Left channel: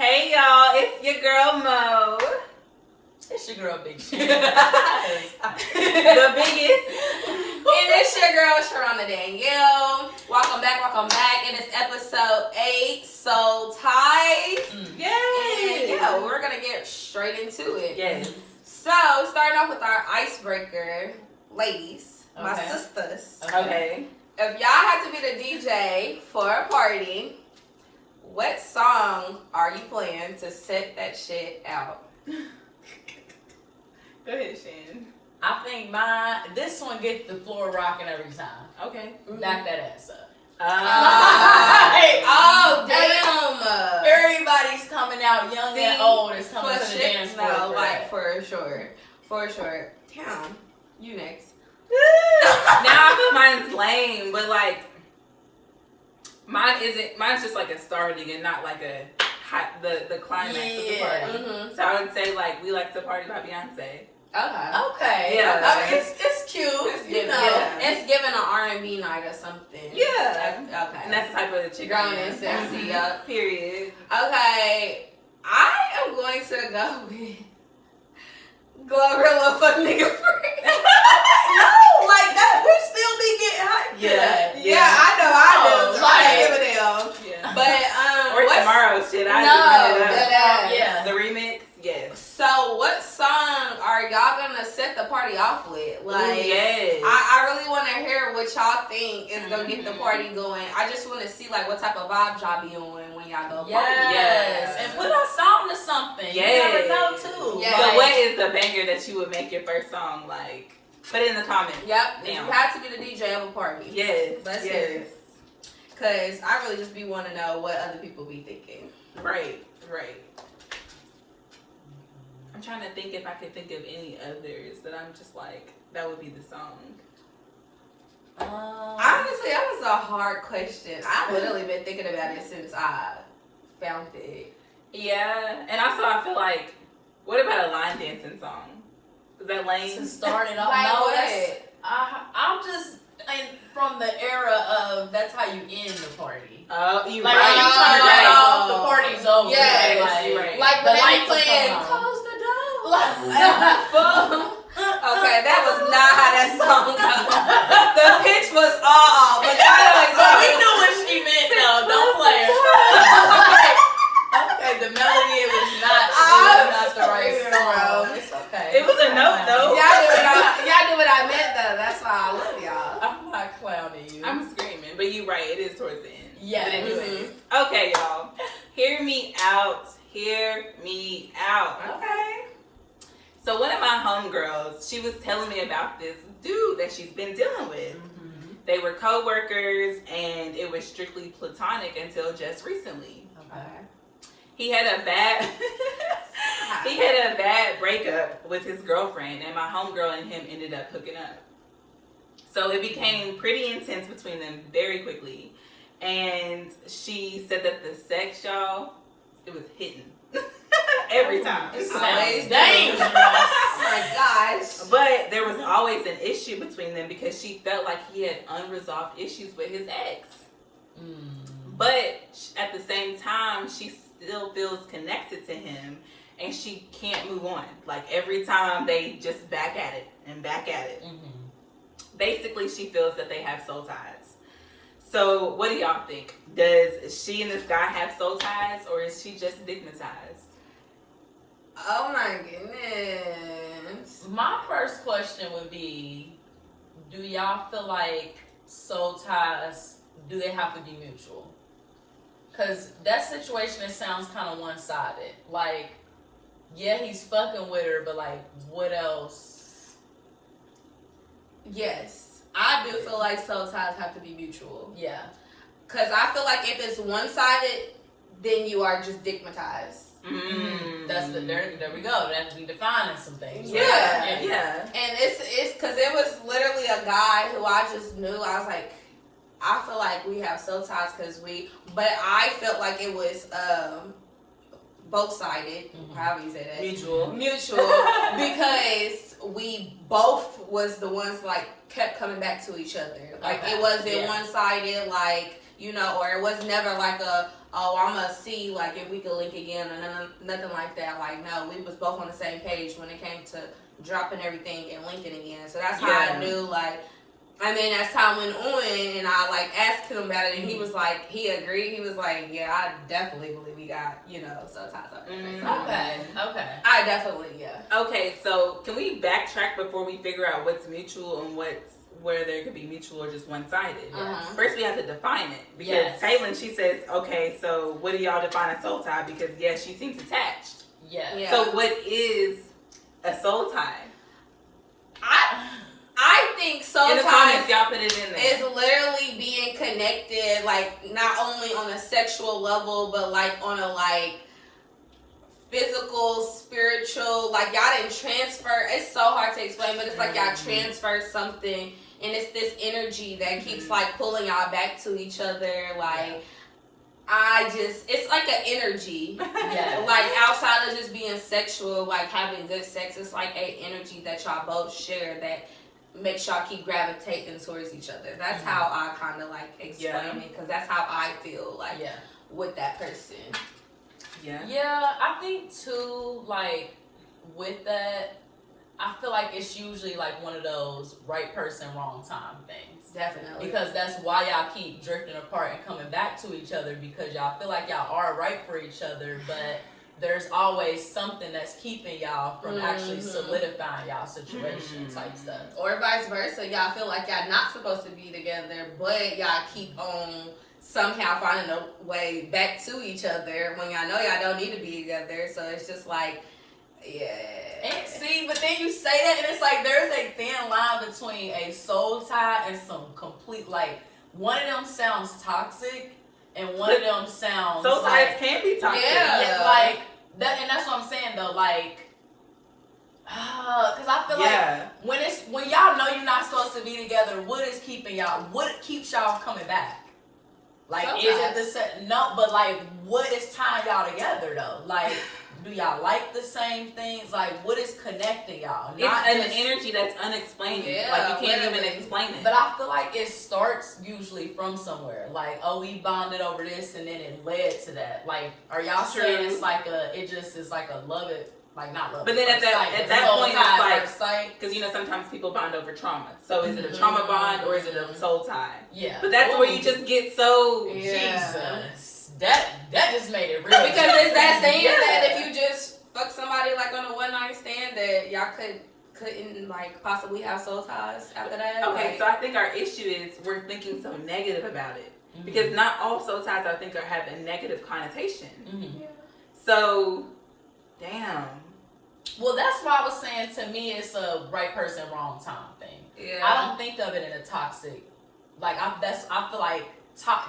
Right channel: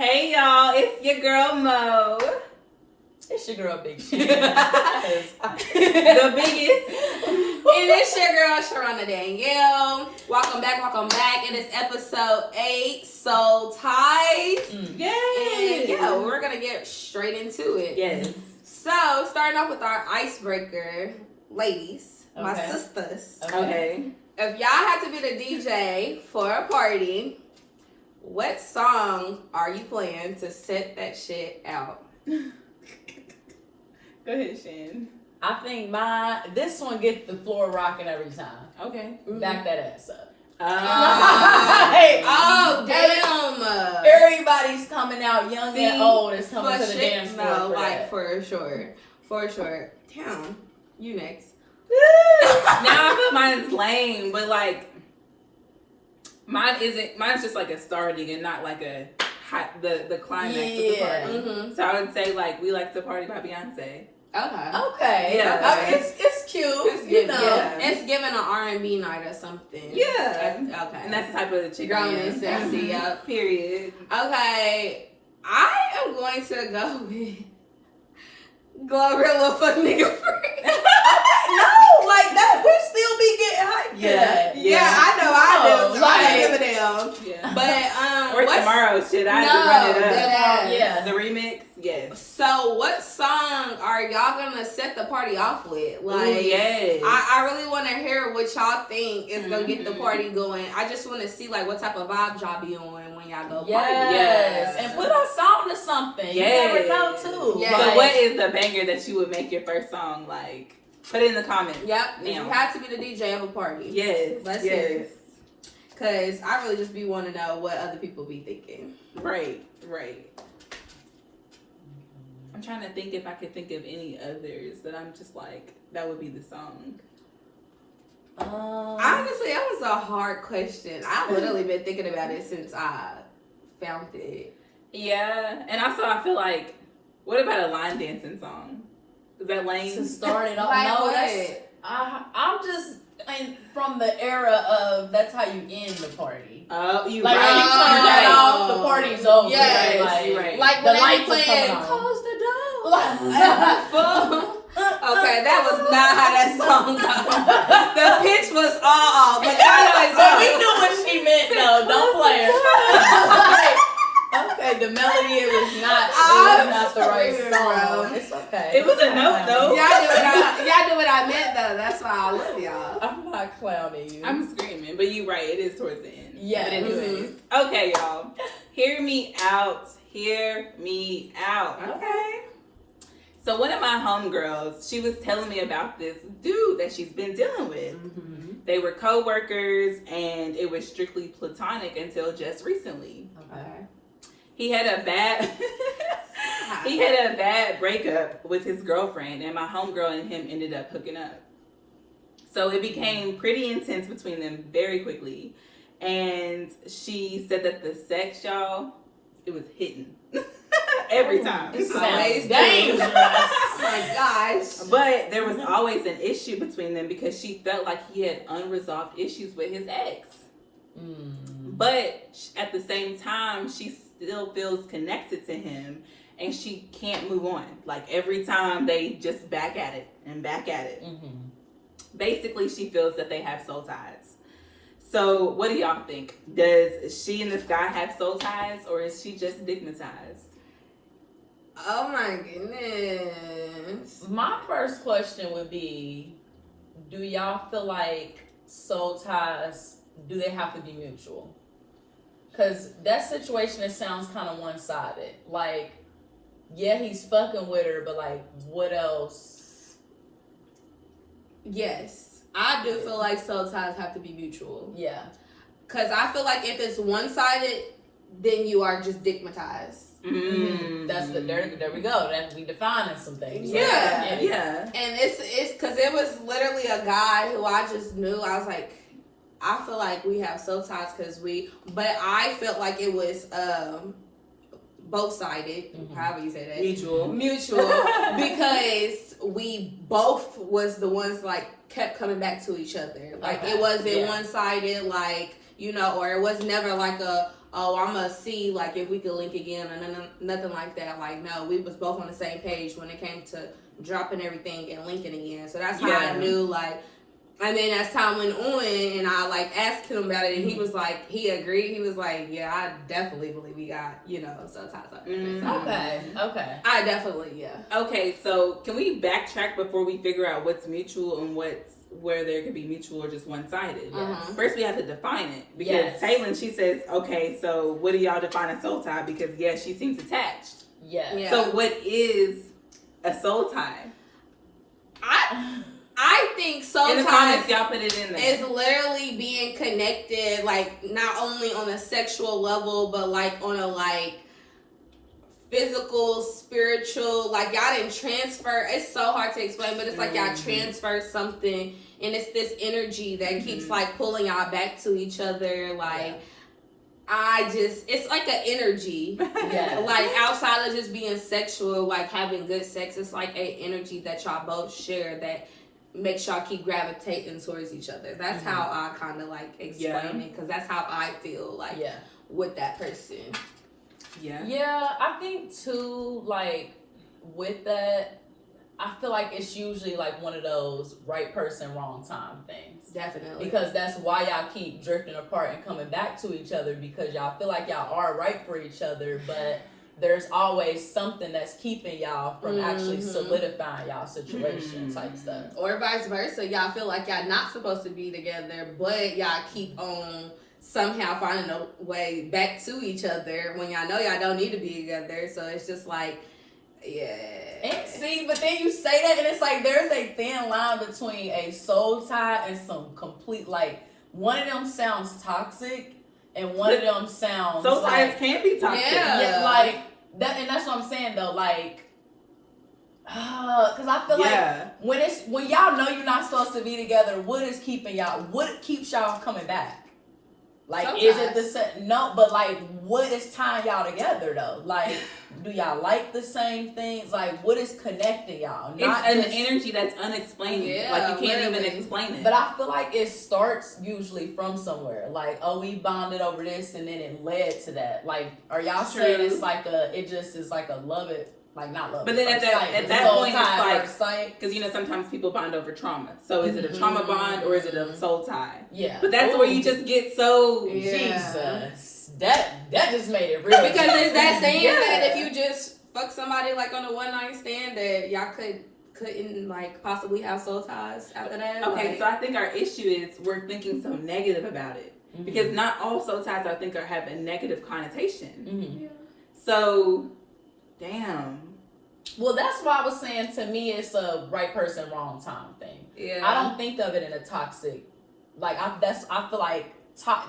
Hey y'all, it's your girl Mo. It's your girl Big Shit. The biggest. And it's your girl Sharona Danielle. Welcome back. It is episode 8, Soul Ties. Yay! And yeah, we're gonna get straight into it. Yes. So, starting off with our icebreaker, ladies, my Okay. sisters. Okay. If y'all had to be the DJ for a party, what song are you playing to set that shit out? Go ahead, Shan. I think this one gets the floor rocking every time. Okay. Back that ass up. Oh, damn. Everybody's coming out, young See, and old, is coming for to the shit, dance floor. no, for like that. for sure. Damn, you next. Now I feel mine's lame, but like mine's just like a starting and not like a the climax of the party. Mm-hmm. So I would say like We Like to Party by Beyonce. Okay. Okay. Yeah. I mean, it's cute. It's you giving, know. yeah. it's giving an R&B night or something. Yeah. Okay. And that's the type of chick I Grown am. and sexy, yup. Period. Okay, I am going to go with Glorilla Fuck Nigga Free. No, like that, we still be getting hyped. Yeah. Yeah, I know, I do. I don't give a damn. Yeah. But, Or what's... Tomorrow shit. I No, have to run it that up. ass. Yeah. The remix, yes. So, what song are y'all gonna set the party off with? Like, Ooh, yes. I really want to hear what y'all think is gonna get the party going. I just want to see like what type of vibes y'all be on when y'all go party. Yes. And put us on to something. Yes. You never know, too. Yeah. But Like, what is the banger that you would make your first song like? Put it in the comments. Yep. If Damn. you had to be the DJ of a party. Yes. Let's yes. hear it. Cause I really just be want to know what other people be thinking. Right. I'm trying to think if I could think of any others that I'm just like, that would be the song. Honestly, that was a hard question. I've literally been thinking about it since I found it. Yeah. And also I feel like, what about a line dancing song? Is that lame? to start it off. Like No, what? that's, I'm just from the era of that's how you end the party. Oh, you Like right. when you You turn that right. off, the party's over. Yes, you right. Like The when they lights be are playing coming on. Close the Door. Like, Okay, that was not how that song goes. The pitch was all off, but y'all know but we exactly. knew what she meant though. Don't play it. Okay, the melody it was not the right screaming, song. bro. It's okay. It was a note though. Y'all knew what I meant though. That's why I love y'all. I'm not clowning you. I'm screaming, but you right. It is towards the end. Yeah. But anyways, okay, y'all. Hear me out. Hear me out. Okay. So one of my homegirls, she was telling me about this dude that she's been dealing with. Mm-hmm. They were co-workers, and it was strictly platonic until just recently. Okay. He had a bad breakup with his girlfriend, and my homegirl and him ended up hooking up. So it became pretty intense between them very quickly. And she said that the sex, y'all, it was hitting. Every time. It's Sounds always dangerous. Oh my gosh. But there was always an issue between them because she felt like he had unresolved issues with his ex. But at the same time, she still feels connected to him and she can't move on. Like every time they just back at it. Basically, she feels that they have soul ties. So what do y'all think? Does she and this guy have soul ties or is she just stigmatized? Oh my goodness. My first question would be, do y'all feel like soul ties, do they have to be mutual? Because that situation, it sounds kind of one-sided. Like, yeah, he's fucking with her, but like, what else? Yes. I do feel like soul ties have to be mutual. Yeah. Because I feel like if it's one-sided, then you are just stigmatized. That's there we go. That's we defining some things. Yeah. Yeah. And it's because it was literally a guy who I just knew. I was like, I feel like we have soul ties but I felt like it was both sided, however you say that. Mutual. Because we both was the ones like kept coming back to each other. Like it wasn't one sided, like, you know, or it was never like oh, I'm gonna see like if we could link again or nothing like that. Like, no, we was both on the same page when it came to dropping everything and linking again. So that's how I knew, like. And then as time went on, and I like asked him about it, and he was like, he agreed. He was like, yeah, I definitely believe we got, soul ties. Okay. I definitely, Okay, so can we backtrack before we figure out what's mutual and where there could be mutual or just one-sided? Uh-huh. First, we have to define it, because Taylor, she says, okay, so what do y'all define a soul tie? Because yes, she seems attached. Yeah. So what is a soul tie? I think soul in the ties comments, y'all put it in there. is literally being connected, like not only on a sexual level, but like on a like physical, spiritual. Like y'all didn't transfer. It's so hard to explain, but it's like y'all transfer something, and it's this energy that keeps like pulling y'all back to each other. Like it's like an energy. Like outside of just being sexual, like having good sex, it's like an energy that y'all both share that makes y'all keep gravitating towards each other. That's how I kind of like explain it, because that's how I feel like with that person. Yeah, I think too, like with that, I feel like it's usually like one of those right person, wrong time things. Definitely. Because that's why y'all keep drifting apart and coming back to each other, because y'all feel like y'all are right for each other, but there's always something that's keeping y'all from actually solidifying y'all situation type stuff. Or vice versa. Y'all feel like y'all not supposed to be together, but y'all keep on somehow finding a way back to each other when y'all know y'all don't need to be together. So it's just like, And see, but then you say that, and it's like there's a thin line between a soul tie and some complete, like, one of them sounds toxic, and one of them sounds soul ties like, can be toxic. like that, and that's what I'm saying though. Like, because I feel like when y'all know you're not supposed to be together, what is keeping y'all? What keeps y'all coming back? Like, Sometimes. is it the same? No, but like, what is tying y'all together though? Like, do y'all like the same things? Like, what is connecting y'all? Not it's an energy that's unexplainable. Like, you can't even explain it. But I feel like it starts usually from somewhere. Like, oh, we bonded over this, and then it led to that. Like, are y'all saying it's like it just is like a love it? Like, not love. But then at that point, it's like, because sometimes people bond over trauma. So is it a trauma bond or is it a soul tie? Yeah. But that's where you just get so Jesus. That just made it real. Because it's that saying that if you just fuck somebody like on a one night stand, that y'all couldn't like possibly have soul ties after that. Okay, so I think our issue is we're thinking so negative about it, because not all soul ties I think have a negative connotation. So. Damn. Well, that's why I was saying, to me, it's a right person, wrong time thing. Yeah. I don't think of it in a toxic. Like, I feel like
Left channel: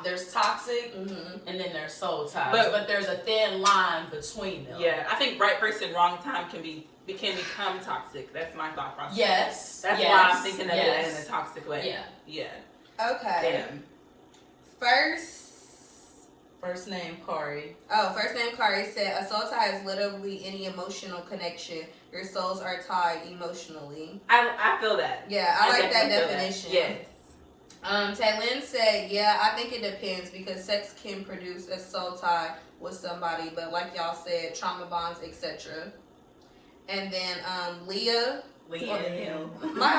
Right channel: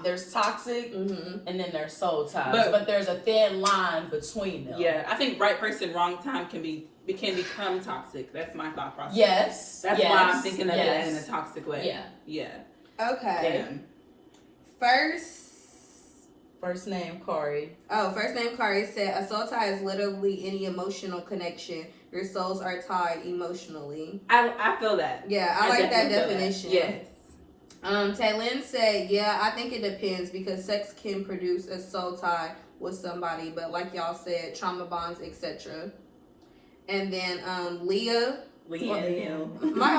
there's toxic and then there's soul ties, but there's a thin line between them. Yeah, I think right person, wrong time can become toxic. That's my thought process. Yes. That's why I'm thinking of it in a toxic way. Yeah. Okay. Damn. First name, Kari. Oh, first name, Kari said, a soul tie is literally any emotional connection. Your souls are tied emotionally. I feel that. Yeah, I like that definition. Yes. Taylin said, yeah, I think it depends, because sex can produce a soul tie with somebody, but like y'all said, trauma bonds, etc. And then Leah. My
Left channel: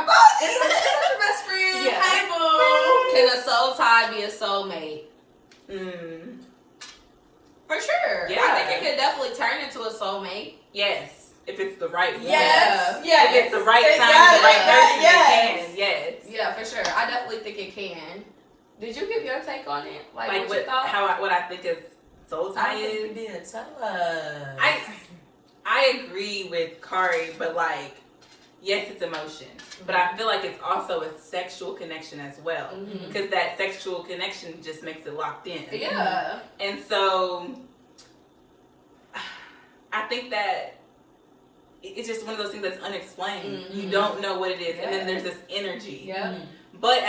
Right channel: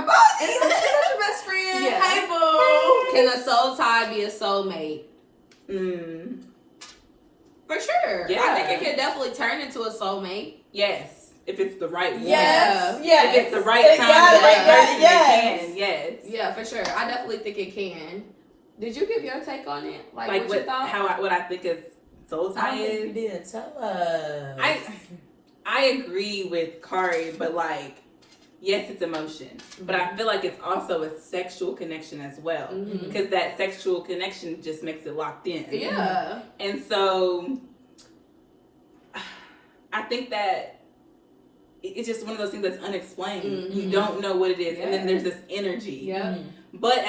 best friend. Yeah. Hey, boo. Can a soul tie be a soulmate? For sure. Yeah. I think it could definitely turn into a soulmate. Yes. If it's the right one. Yes. If it's the right time, the right person, it can. Yes. Yeah, for sure. I definitely think it can. Did you give your take on it? Like what you thought? What I think is soul tie is? You did. Tell us. I agree with Kari, but like, yes, it's emotion, but I feel like it's also a sexual connection as well, because that sexual connection just makes it locked in. Yeah. And so I think that it's just one of those things that's unexplained. You don't know what it is, and then there's this energy. Yeah. But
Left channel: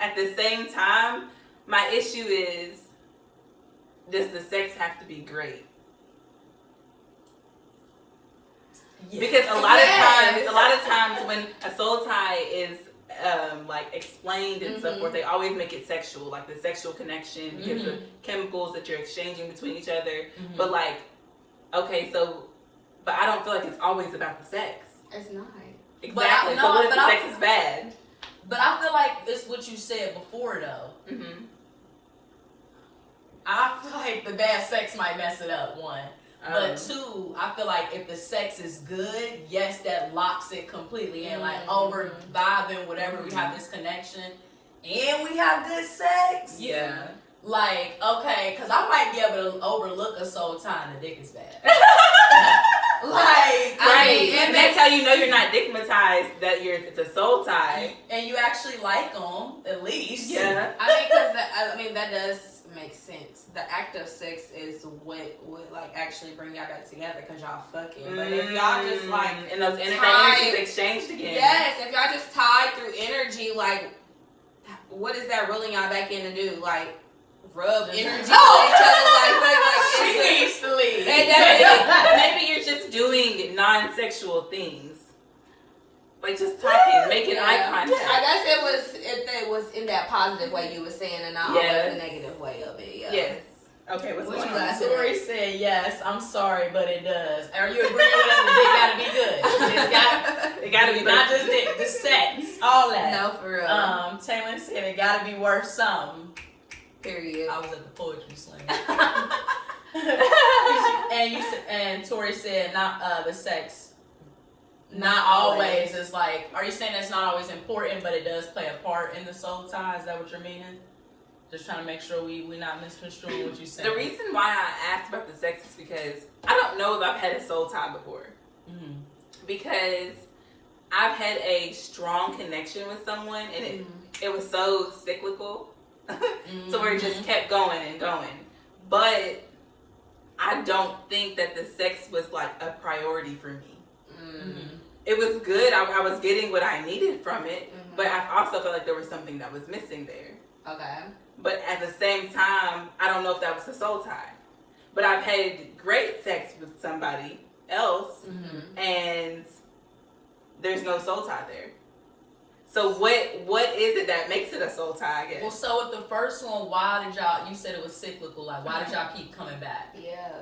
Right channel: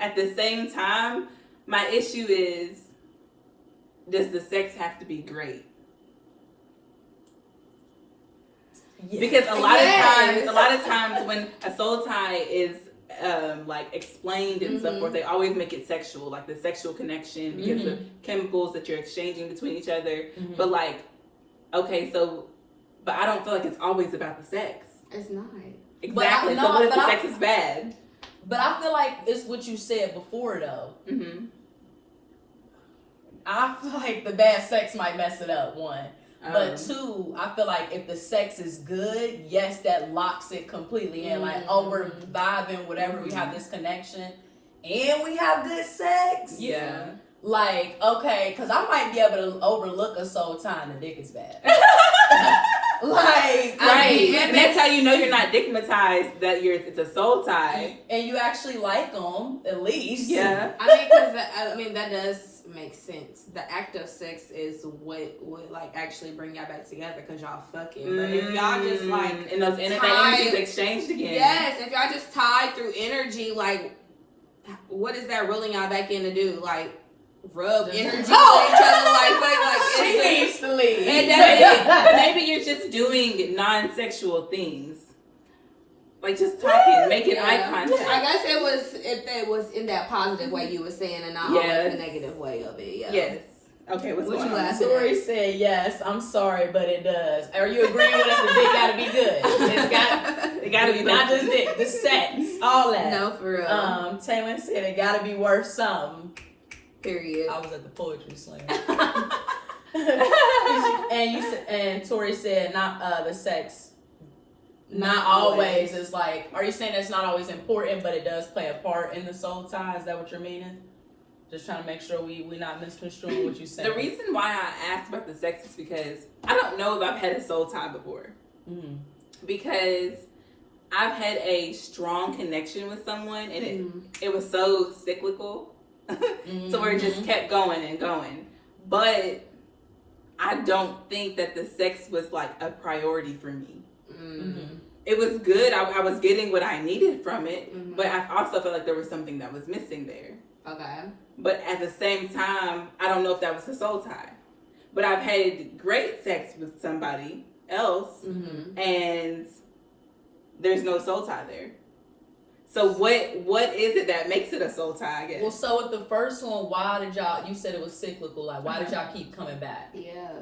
at the same time, my issue is, does the sex have to be great? Because a lot of times when a soul tie is like explained and so forth, they always make it sexual, like the sexual connection because of chemicals that you're exchanging between each other. But like, okay, so, but I don't feel like it's always about the sex. It's not. Exactly. So what if the sex is bad? But I feel like it's what you said before, though. I feel like the bad sex might mess it up, one. But two, I feel like if the sex is good, yes, that locks it completely in. Like, oh, we're vibing, whatever, we have this connection, and we have good sex. Yeah. Like, okay, because I might be able to overlook a soul tie and the dick is bad. Like, right. And that's how you know you're not stigmatized, that it's a soul tie. And you actually like them, at least. Yeah. I mean, that does make sense. The act of sex is what would like actually bring y'all back together because y'all fucking. But if y'all just like and those energies exchanged again. Yes, if y'all just tied through energy, like what is that reeling y'all back in to do? Like rub energy on each other, like she needs to leave. Maybe you're just doing non-sexual things. Like just talking, making eye contact. I guess it was in that positive way you were saying, and not always the negative way of it. Yeah. Yes. Okay, what's going on? Tori said yes. I'm sorry, but it does. Are you agreeing with us? The dick gotta be good. It gotta be not just dick, the sex, all that. No, for real. Taylor said it gotta be worth something. Period. I was at the poetry slam. and Tori said not the sex. Not always. It's like, are you saying it's not always important, but it does play a part in the soul tie? Is that what you're meaning? Just trying to make sure we not misconstruing what you saying. The reason why I asked about the sex is because I don't know if I've had a soul tie before. Because I've had a strong connection with someone, and it was so cyclical, so where it just kept going and going. But I don't think that the sex was like a priority for me. It was good. I was getting what I needed from it, but I also felt like there was something that was missing there. Okay. But at the same time, I don't know if that was a soul tie. But I've had great sex with somebody else, and there's no soul tie there. So what is it that makes it a soul tie, I guess? Well, so with the first one, why did y'all, you said it was cyclical, like why did y'all keep coming back? Yeah.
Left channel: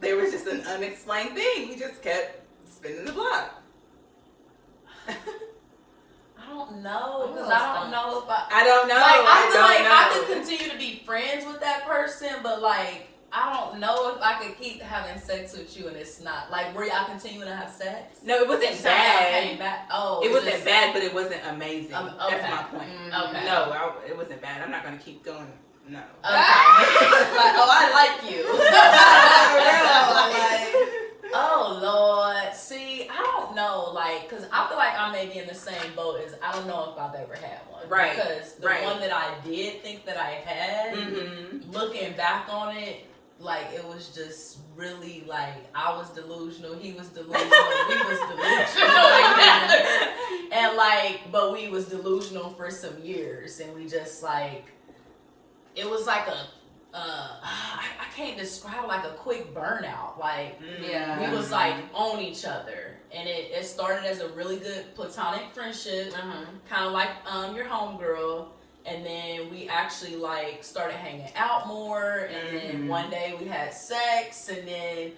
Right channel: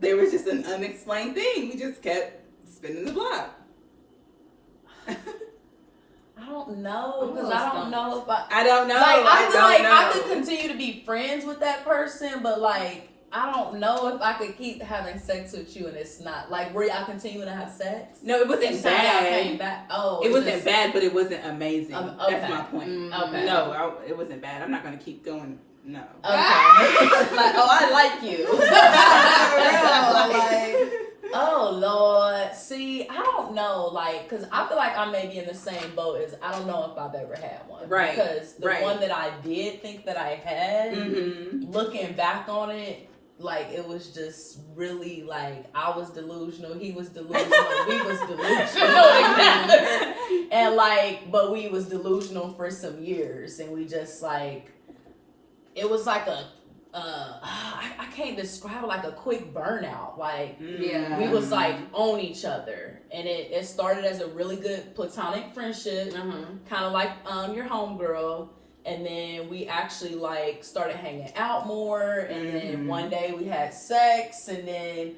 There was just an unexplained thing. We just kept spinning the block. I don't know, because I don't know if I don't know. Like, I feel like I could continue to be friends with that person, but like, I don't know if I could keep having sex with you and it's not. Like, were y'all continuing to have sex? No, it wasn't bad. Came back. Oh, it wasn't bad, but it wasn't amazing. Okay. That's my point. Okay. No, it wasn't bad. I'm not going to keep going. No. Okay. Like, oh, I like you. Oh, Lord. See, I don't know, like, because I feel like I may be in the same boat as, I don't know if I've ever had one. Right. Because the one that I did think that I had, looking back on it, like, it was just really, like, I was delusional, he was delusional, we was delusional together. And, like, but we was delusional for some years, and we just, like, it was like a, I can't describe it, like a quick burnout. Like, we was like on each other, and it started as a really good platonic friendship, kind of like your homegirl, and then we actually like started hanging out more, and then one day we had sex, and then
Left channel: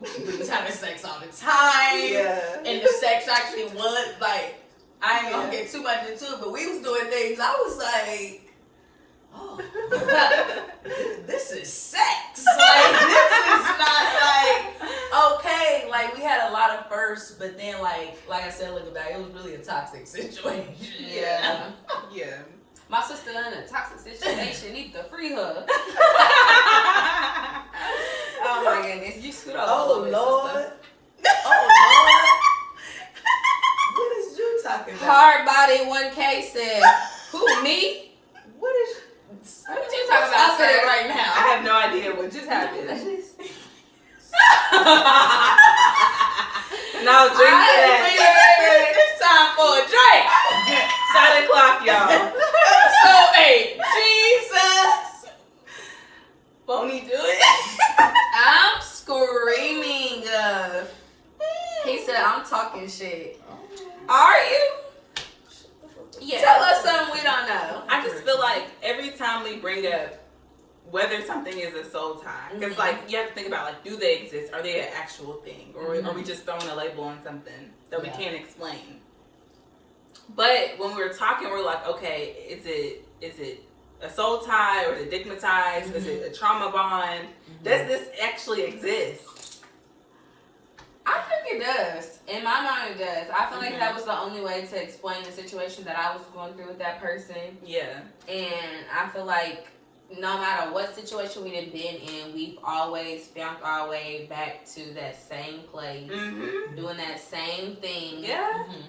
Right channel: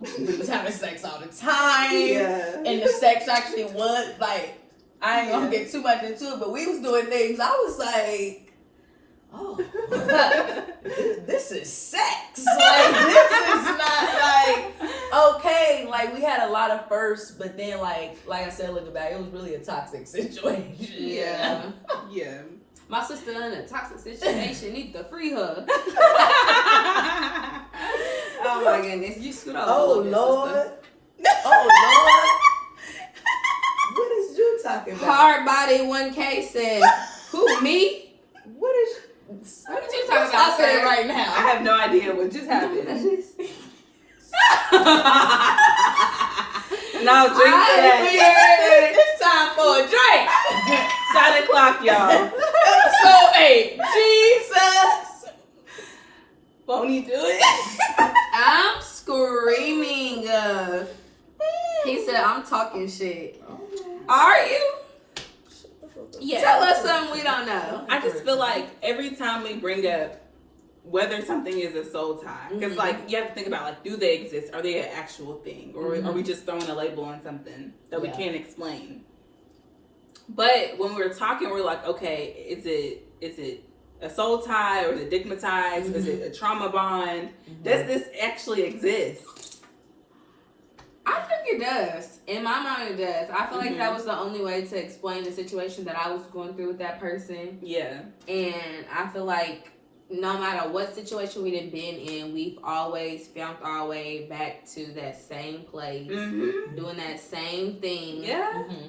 we was having sex all the time, and the sex actually was like, I ain't gonna get too much into it, but we was doing things. I was like, oh, this is sex. Like, this is not like, okay, like we had a lot of firsts, but then like I said, looking back, it was really a toxic situation. Yeah. Yeah. My sister in a toxic situation need to free her. Oh my goodness, you screwed up. Oh Lord. Oh Lord. What is you talking about? Hard Body 1K said, who, me? What is What you talking about sir? Right now? I have no idea what just happened. No, drink that. It's time for a drink. Shot o'clock, y'all. So, hey, Jesus. Won't he do it? I'm screaming. He said, I'm talking shit. Are you? Yeah. Tell us something we don't know. I just feel like every time we bring up whether something is a soul tie, because like you have to think about like, do they exist? Are they an actual thing, or are we just throwing a label on something that we can't explain? But when we're talking, we're like, okay, is it a soul tie, or is it digmatized? Is it a trauma bond? Does this actually exist? I think it does. In my mind, it does. I feel like that was the only way to explain the situation that I was going through with that person. Yeah. And I feel like no matter what situation we done been in, we've always found our way back to that same place, doing that same thing,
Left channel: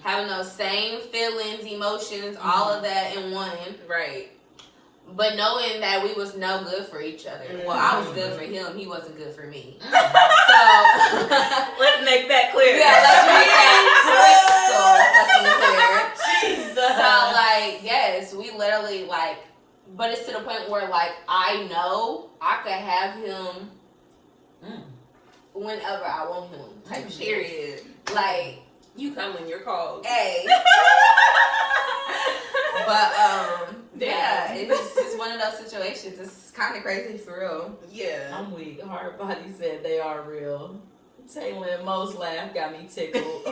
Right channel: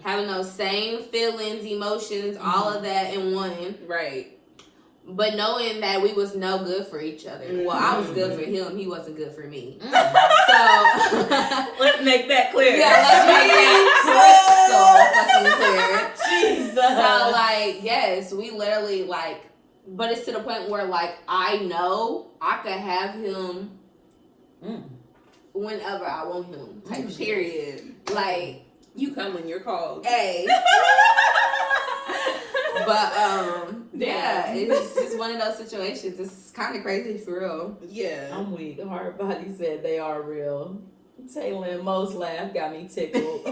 having those same feelings, emotions, all of that in one. Right. But knowing that we was no good for each other. Well, I was good for him. He wasn't good for me. So let's make that clear. Yeah, let's make that crystal fucking clear. Jesus. So like, yes, we literally like, but it's to the point where like I know I could have him whenever I want him. Type shit. Period. Like, you come when you're called. Hey. But yeah, it's just one of those situations. It's kind of crazy for real. Yeah, I'm weak. Hard Body said they are real. Taylor and Mo's laugh got me tickled.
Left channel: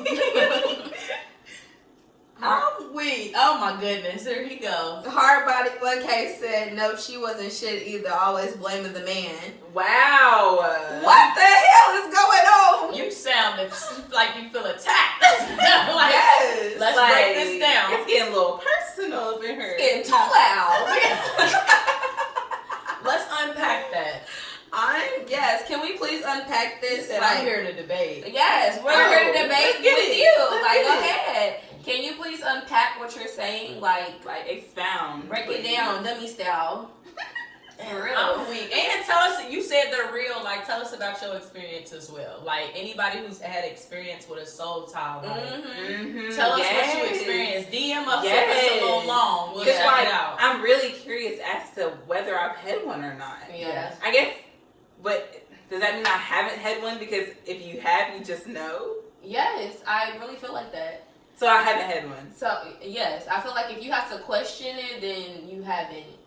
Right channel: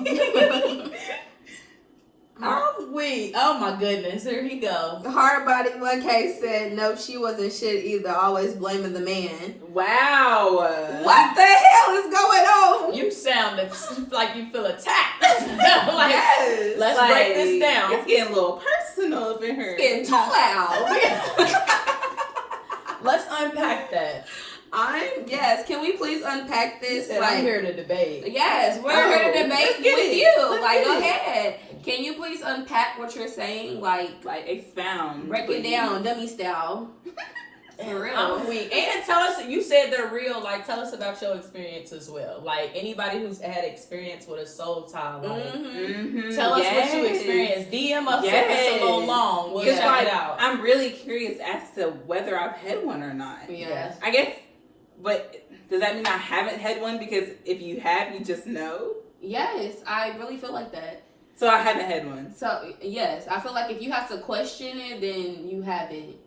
I'm weak. Oh my goodness, here he go. Hard Body 1K said no, she wasn't shit either. Always blaming the man. Wow. What the hell is going on? You sound like you feel attacked. Like, yes. Let's break this down. It's getting a little personal up in here. It's getting too loud. Let's unpack that. Yes, can we please unpack this? Like, I'm here to debate. Yes, we're here to debate with you. Like, go ahead. Can you please unpack what you're saying? Like expound. Break it down, dummy style. For real. I'm weak. And tell us, you said they're real. Like, tell us about your experience as well. Like, anybody who's had experience with a soul tie. Like, tell us what you experienced. DM us if it's a little long. We'll check it out. I'm really curious as to whether I've had one or not. Yeah. I guess, but does that mean I haven't had one? Because if you have, you just know? Yes, I really feel like that. So I haven't had one. So, yes, I feel like if you have to question it, then you haven't.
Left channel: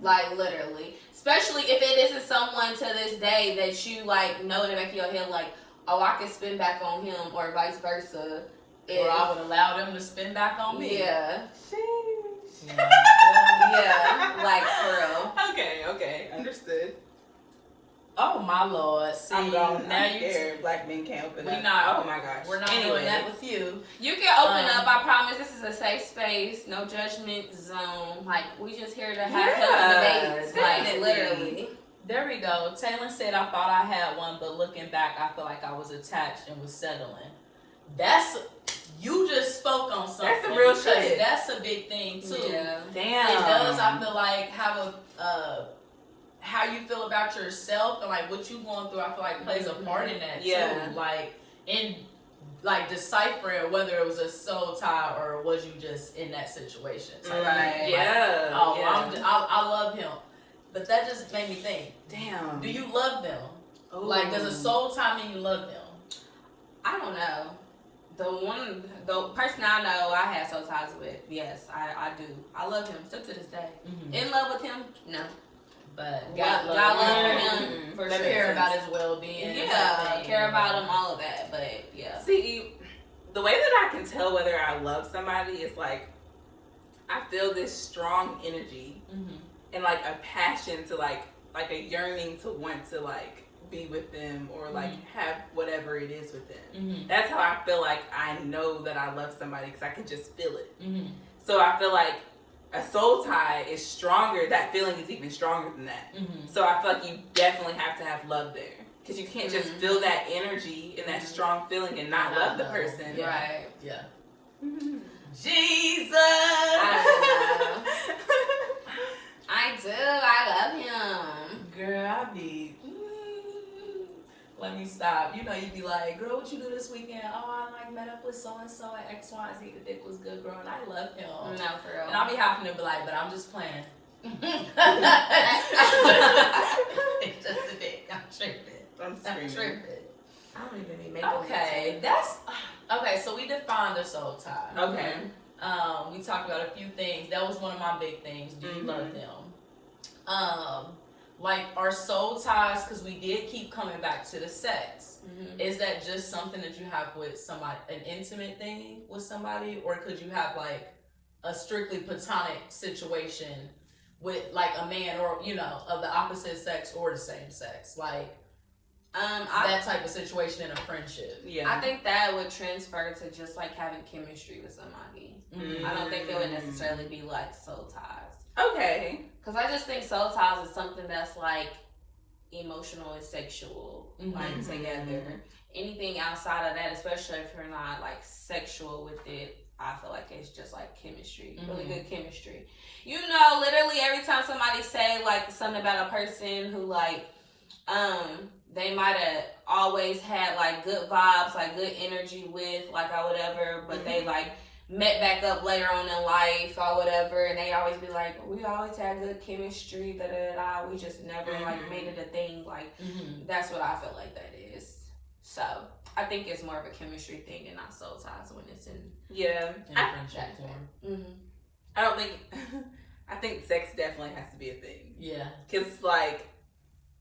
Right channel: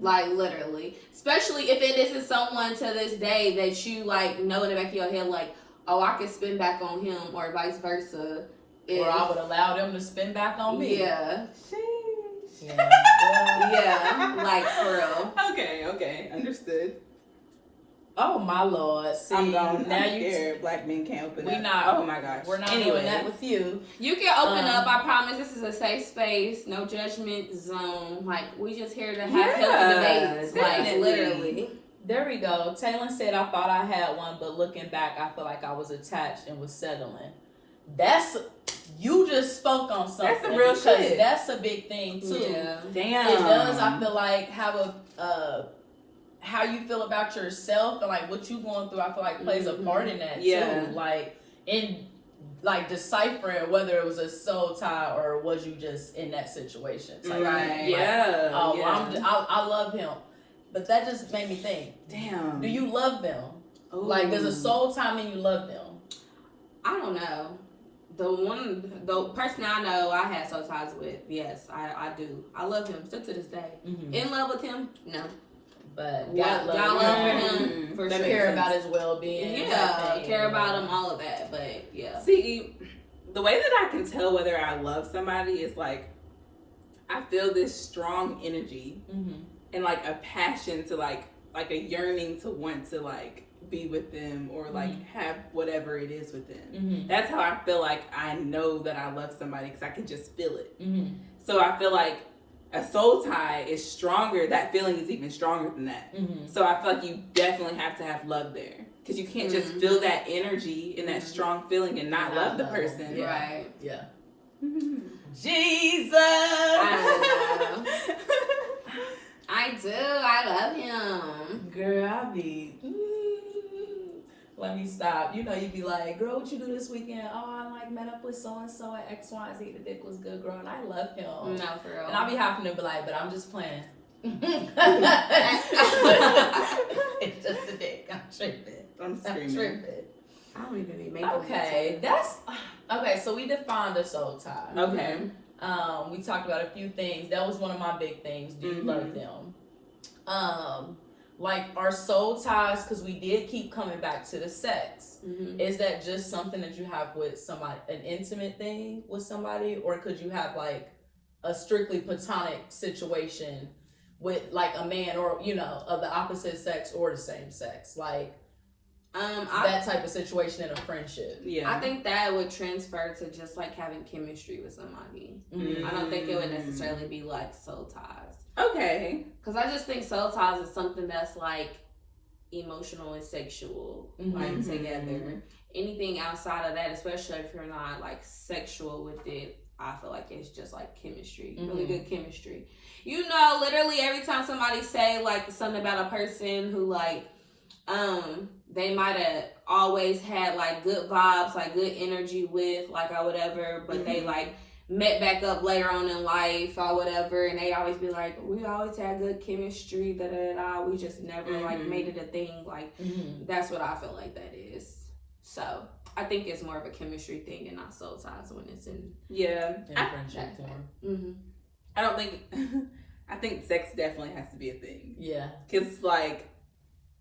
Like, literally. Especially if it isn't someone to this day that you, like, know in the back of your head, like, oh, I can spin back on him, or vice versa. Or I would allow them to spin back on me. Yeah. Yeah. Yeah, like, for real. Okay, understood. Oh my Lord! See, I'm gone. Now I'm scared. Black men can't open up. We not. Oh my gosh. We're not doing that with you. You can open up. I promise. This is a safe space. No judgment zone. Like, we just here to have healthy debates. Like, literally. There we go. Taylor said, "I thought I had one, but looking back, I feel like I was attached and was settling." You just spoke on something. That's the real shit. That's a big thing too. Yeah. Damn. It does. I feel like have a how you feel about yourself and like what you going through. I feel like plays a part in that too. Like in like deciphering whether it was a soul tie or was you just in that situation. Right. Yeah. I love him, but that just made me think. Damn. Do you love them? Ooh. Like, does a soul tie mean you love them? I don't know. The person I know I had soul ties with, yes, I do. I love him still to this day. In love with him? No. But God love him for sure. Care about his well-being. Yeah, care about him, all of that. But yeah. See, the way that I can tell whether I love somebody is like I feel this strong energy and like a passion to like a yearning to want to like be with them or like have whatever it is with them. That's how I feel like I know that I love somebody because I can just feel it. So I feel like a soul tie is stronger. That feeling is even stronger than that. So I feel like you definitely have to have love there because you can't just feel that energy and that strong feeling and not love the person. Yeah. Right. Yeah. Jesus. I do. I love him. Girl, I be. Let me stop. You know, you be like, girl, what you do this weekend? Oh, I like met up with so and so at X, Y, Z. The dick was good, girl, and I love him. No, for real. And I'll be having to be like, but I'm just playing. It's just a dick. I'm tripping. I'm tripping. I don't even be making okay. Okay, so we defined a soul tie. Okay. We talked about a few things. That was one of my big things. Do you love them? Like our soul ties, because we did keep coming back to the sex. Is that just something that you have with somebody, an intimate thing with somebody, or could you have like a strictly platonic situation with like a man, or of the opposite sex or the same sex, like that type of situation in a friendship? Yeah, I think that would transfer to just like having chemistry with somebody. I don't think it would necessarily be like soul ties. Okay. Because I just think soul ties is something that's like emotional and sexual, like together. Anything outside of that, especially if you're not like sexual with it, I feel like it's just like chemistry, really good chemistry. Literally every time somebody say like something about a person who like, they might have always had like good vibes, like good energy with, like or whatever, but they like met back up later on in life or whatever, and they always be like, we always had good chemistry, we just never like made it a thing. Like that's what I feel like that is. So I think it's more of a chemistry thing and not soul ties when it's in friendship form. I don't think I think sex definitely has to be a thing. Yeah, because like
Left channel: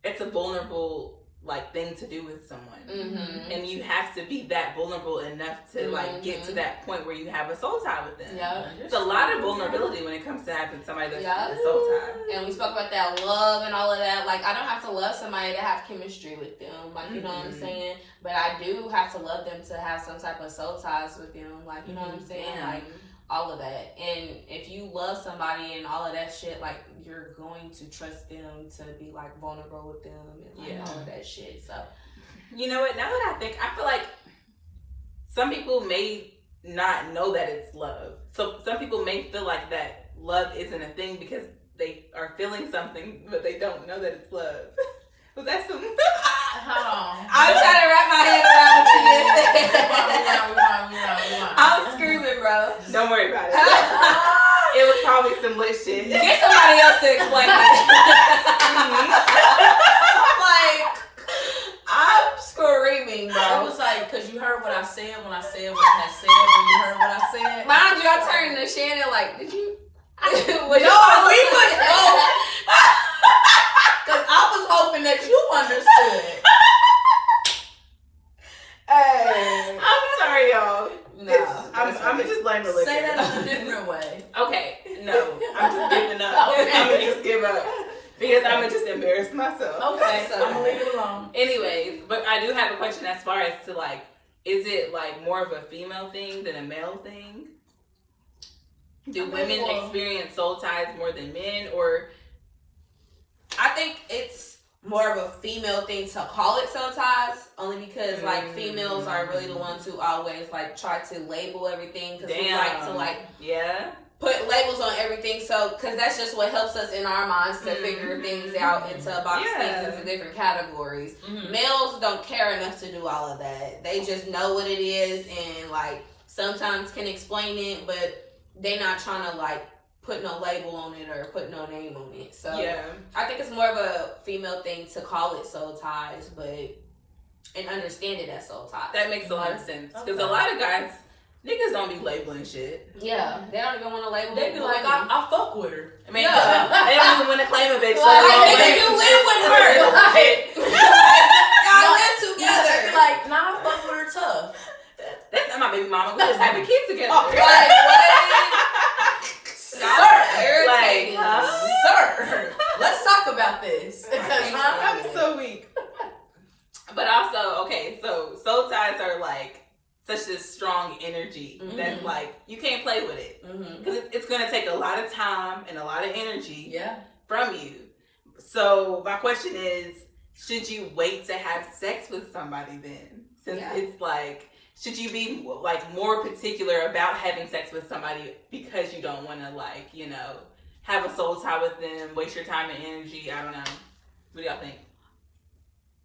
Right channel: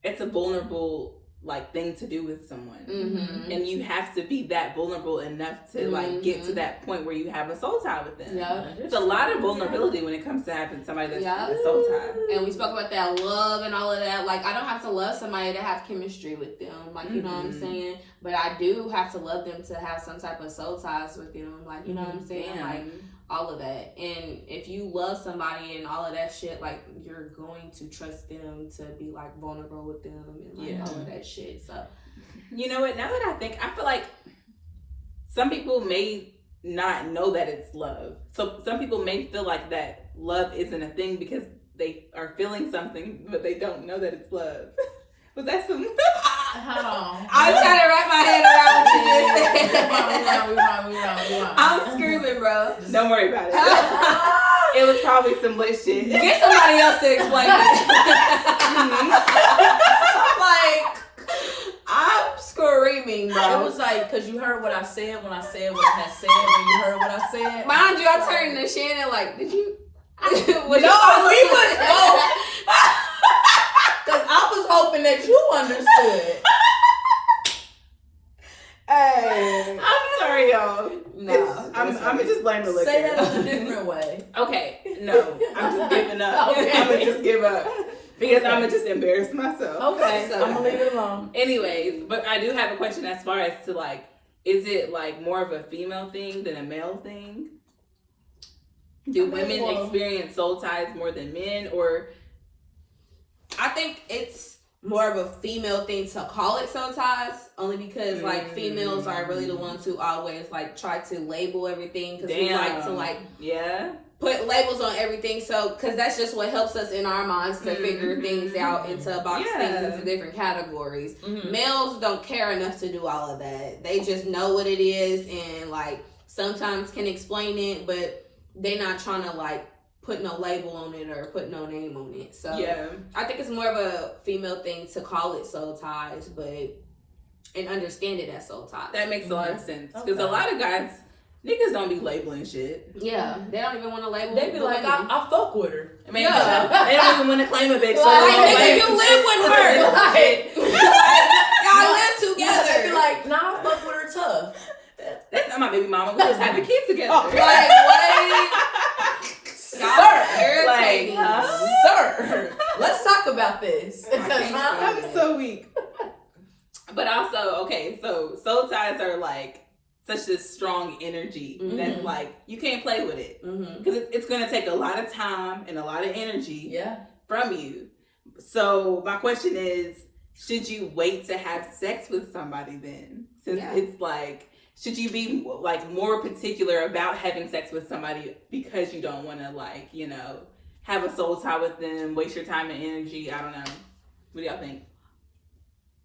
it's a vulnerable like thing to do with someone, and you have to be that vulnerable enough to like get to that point where you have a soul tie with them. Yeah, it's a lot of vulnerability when it comes to having somebody that's a soul tie. And we spoke about that love and all of that. Like I don't have to love somebody to have chemistry with them. Like you know what I'm saying. But I do have to love them to have some type of soul ties with them. Like you know what I'm saying. Like all of that. And if you love somebody and all of that shit, like you're going to trust them to be like vulnerable with them and like all of that shit. So you know what, now that I think, I feel like some people may not know that it's love. So some people may feel like that love isn't a thing because they are feeling something but they don't know that it's love. Was that some Hold on. I'm trying to wrap my head around this. I'm screaming, bro. Don't worry about it. It was probably some lit shit. Get somebody else to explain that. Like, I'm screaming, bro. It was like, because you heard what I said when I said what I had said, when you heard what I said. Mind you, I turned to Shannon like, did you? We was both. Because I was hoping that you understood. Hey, I'm sorry, y'all. No, I'm gonna just blame the liquor. Say that in a different way. Okay, no, I'm just giving up. Okay. I'm gonna just give up because I'm gonna just embarrass myself. Okay, I'm gonna leave it alone. Anyways, but I do have a question as far as to like, is it like more of a female thing than a male thing? Do women experience soul ties more than men, or? I think it's more of a female thing to call it soul ties, only because like females are really the ones who always like try to label everything because we like to like put labels on everything. So because that's just what helps us in our minds to figure things out and to box things into different categories. Males don't care enough to do all of that. They just know what it is and like sometimes can explain it, but they're not trying to like put no label on it or put no name on it. So I think it's more of a female thing to call it soul ties, and understand it as soul ties. That makes a lot of sense. Because a lot of guys, niggas don't be labeling shit. Yeah, they don't even want to label. They be like, I fuck with her. I mean, they don't even want to claim a bitch. Like, nigga, you live with her. Like, y'all live together. They be like, nah, I fuck with her tough. That's not my baby mama. We just have a kid together. Like, what? Sir, irritating. Sir, let's talk about this. I'm so weak. But also, okay, so soul ties are like such this strong energy that's like you can't play with it because it's going to take a lot of time and a lot of energy from you. So my question is, should you wait to have sex with somebody then? Since it's like, should you be like more particular about having sex with somebody because you don't want to like, you know, have a soul tie with them, waste your time and energy? I don't know. What do y'all think?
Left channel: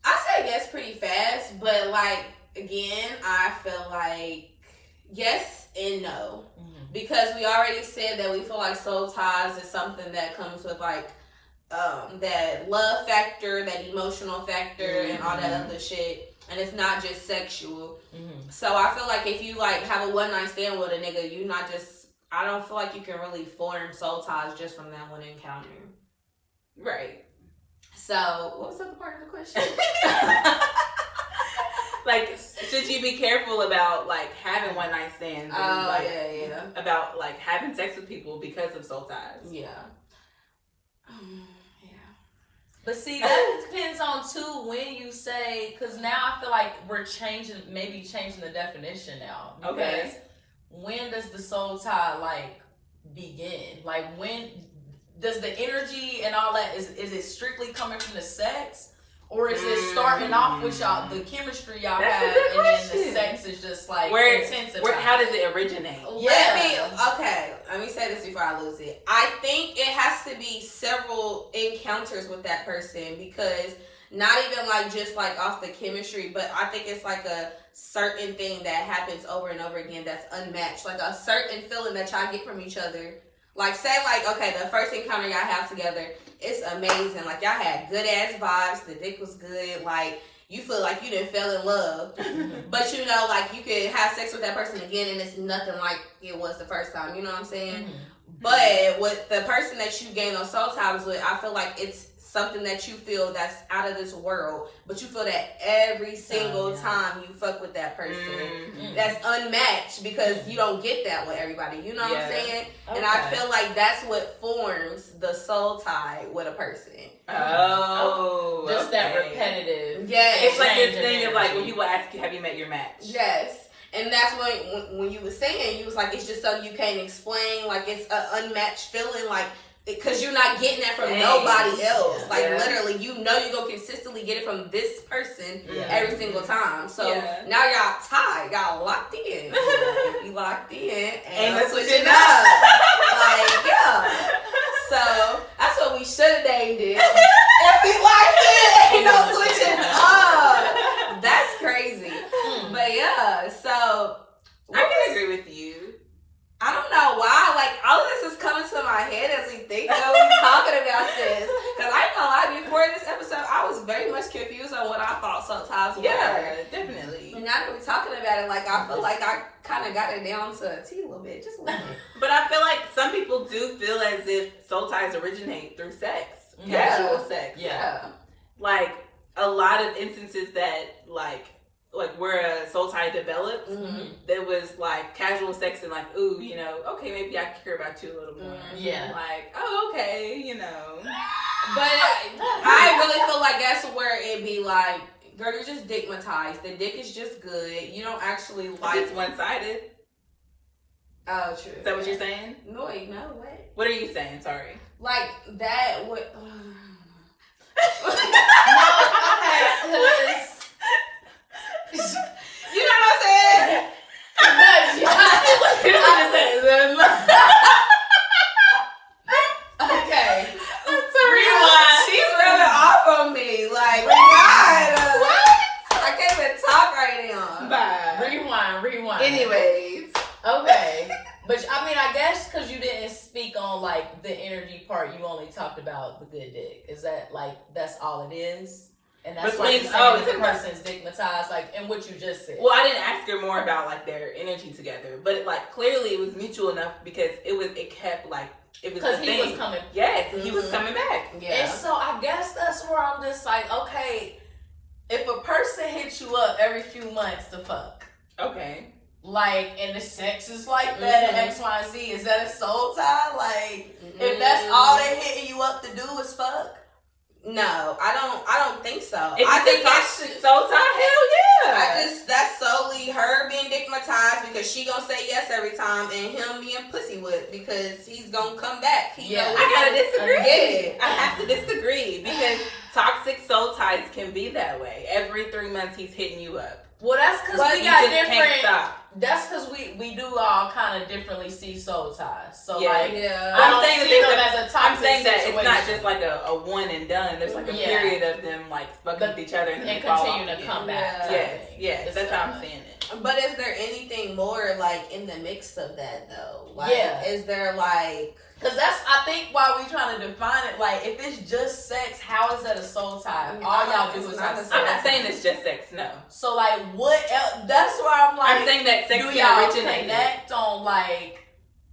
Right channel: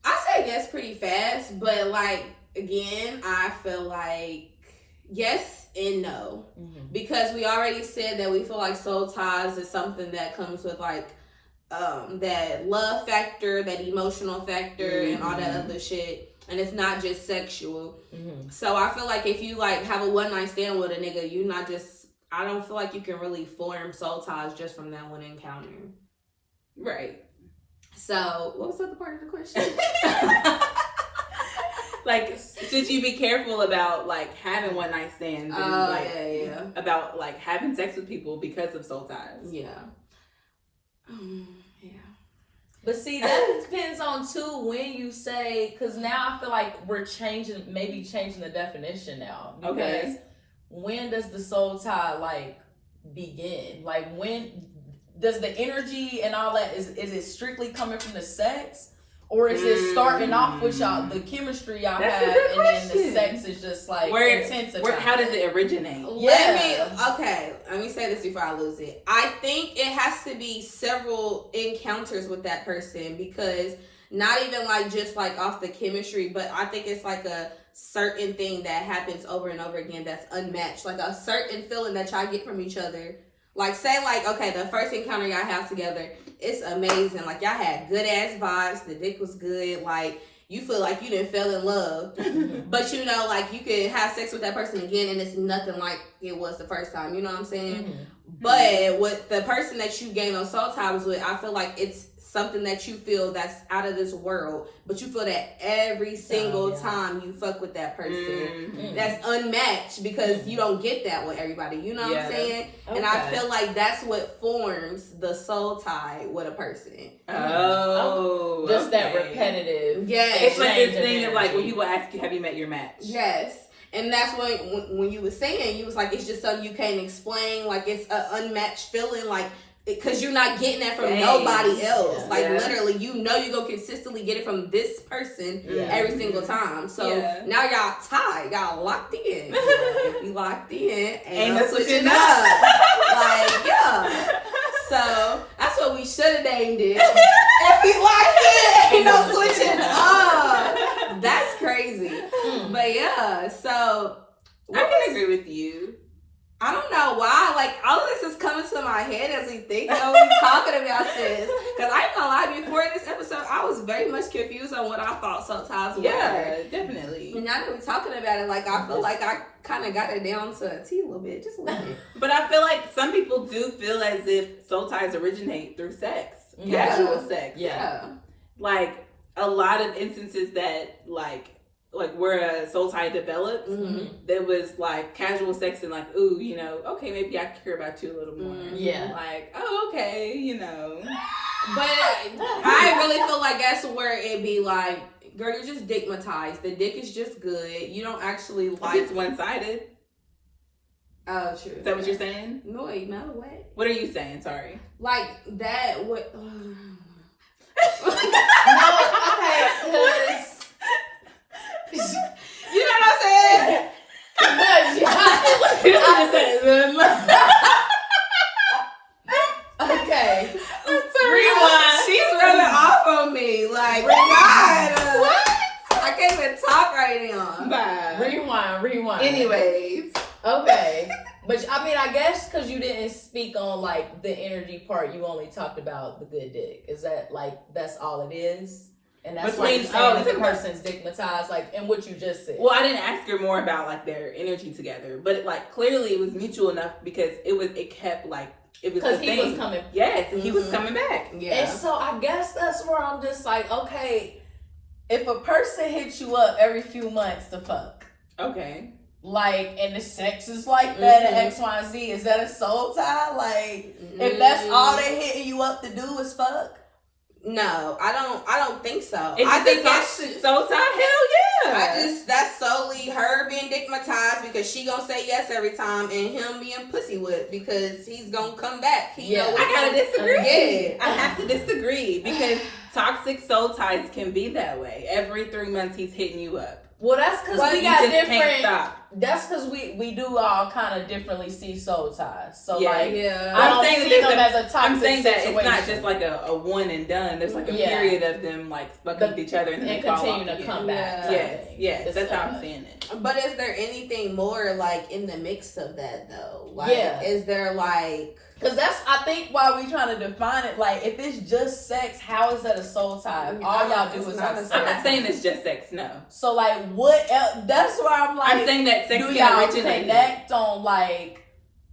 I say yes pretty fast, but like, again, I feel like yes and no. Because we already said that we feel like soul ties is something that comes with like that love factor, that emotional factor, and all that other shit. And it's not just sexual. So I feel like if you like have a one night stand with a nigga, you're not just I don't feel like you can really form soul ties just from that one encounter. Right. So, what was the other part of the question? Like, should you be careful about like having one night stands? And, like, yeah. About like having sex with people because of soul ties. Yeah. But see, that depends on too when you say, because now I feel like we're changing the definition now. Because Okay. when does the soul tie like begin? Like when does the energy and all that is it strictly coming from the sex? Or is it starting off with y'all, the chemistry y'all That's a have, good and then the question. sex is just like intensifying? How does it originate? Let me say this before I lose it. I think it has to be several encounters with that person, because not even like just like off the chemistry, but I think it's like a certain thing that happens over and over again that's unmatched. Like a certain feeling that y'all get from each other. Like say like, okay, the first encounter y'all have together, it's amazing. Like y'all had good ass vibes, the dick was good, like you feel like you didn't fell in love. But you know, like you could have sex with that person again and it's nothing like it was the first time, you know what I'm saying? Mm-hmm. But with the person that you gain on soul ties with, I feel like it's something that you feel that's out of this world, but you feel that every single time you fuck with that person. Mm-hmm. That's unmatched, because you don't get that with everybody, you know what I'm saying? Okay. And I feel like that's what forms the soul tie with a person. Oh, just that repetitive. Yeah, It's like this change thing of like when energy. people ask you, have you met your match? Yes. And that's when you were saying, you was like, it's just something you can't explain. Like, it's an unmatched feeling. Like, because you're not getting that from nobody else. Like, literally, you know you're going to consistently get it from this person every single time. So, now y'all tied. Y'all locked in. If you locked in, and let's switch it up. Like, yeah. So, that's what we should have named it. If we locked in, ain't no switching up. That's crazy. But yeah, so I can agree with you. I don't know why, like, all of this is coming to my head as we think that we're talking about this. Because I ain't gonna lie, before this episode, I was very much confused on what I thought soul ties were. Yeah, definitely. And now that we're talking about it, like, I feel like I kind of got it down to a T a little bit, just a little bit. But I feel like some people do feel as if soul ties originate through sex. Casual sex. Yeah. Like, a lot of instances that, like where a soul tie developed, there was like casual sex and like, ooh, you know, okay, maybe I care about you a little more. Yeah. Like, oh, okay, you know. But I really feel like that's where it be like, girl, you're just dickmatized. The dick is just good. You don't actually like. It's one-sided. Oh, true. Is that what you're saying? No, what? What are you saying? Sorry. Like that would. Okay. You know what I'm saying? Okay. Rewind. She's running off on me. Like, God. What? I can't even talk right now. Bye. Rewind. Anyways. Okay. But I mean, I guess because you didn't speak on like the energy part, you only talked about the good dick. Is that like that's all it is? And that's why you're saying the person's dickmatized, like in what you just said. Well, I didn't ask her more about like their energy together, but like clearly it was mutual enough because it kept like it was because he was coming. Yes, he was coming back. Yeah. And so I guess that's where I'm just like, okay, if a person hits you up every few months to fuck, okay, like, and the sex is like that and X, Y, and Z, is that a soul tie? Like, if that's all they hitting you up to do is fuck. No, I don't think so. If I think that's soul tie, hell yeah. That's solely her being dickmatized because she gonna say yes every time, and him being pussy whipped because he's gonna come back. I gotta disagree. Yeah. I have to disagree because toxic soul ties can be that way. Every 3 months he's hitting you up. Well, that's because we you got just different. Can't stop. That's because we do all kind of differently see soul ties. So like, yeah. I don't I'm saying see that them as a toxic I'm saying that situation. it's not just like a one and done. There's like a period of them like fucking with each other and then continue to come back. Yes, that's how I'm seeing it. But is there anything more like in the mix of that though? Like, is there like? Because that's, I think, why we trying to define it. Like, if it's just sex, how is that a soul tie? All y'all do is have sex. I'm not saying it's just sex, no. So, like, what else? That's where I'm like, I'm saying that sex do can y'all originate. connect on, like,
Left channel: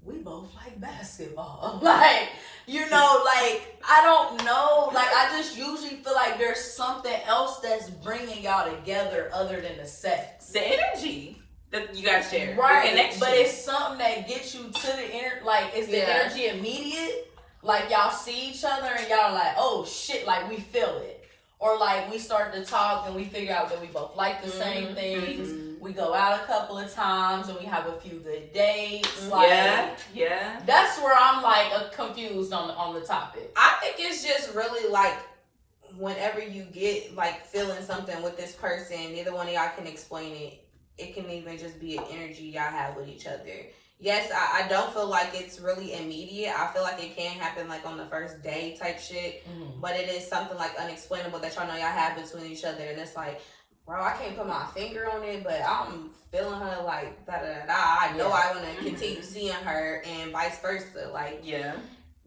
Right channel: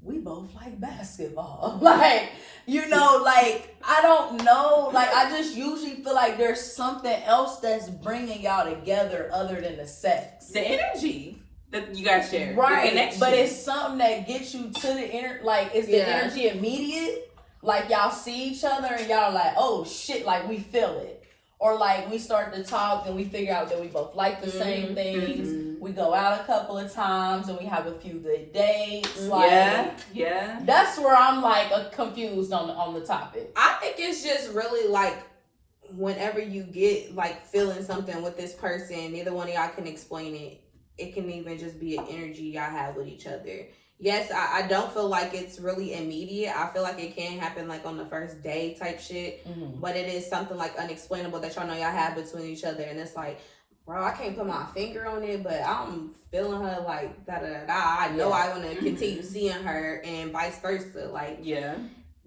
we both like basketball. Like, you know, like, I don't know. Like, I just usually feel like there's something else that's bringing y'all together other than the sex. The energy that you guys share. Right. But it's something that gets you to the like, is the energy immediate? Like, y'all see each other and y'all are like, oh shit, like, we feel it. Or like, we start to talk and we figure out that we both like the same things. Mm-hmm. We go out a couple of times and we have a few good dates. Like, yeah. That's where I'm like confused on the topic. I think it's just really like whenever you get like feeling something with this person, neither one of y'all can explain it. It can even just be an energy y'all have with each other. Yes, I don't feel like it's really immediate. I feel like it can happen like on the first day type shit. Mm-hmm. But it is something like unexplainable that y'all know y'all have between each other. And it's like, bro, I can't put my finger on it, but I'm feeling her like da-da-da-da. I know I want to continue seeing her and vice versa. Like,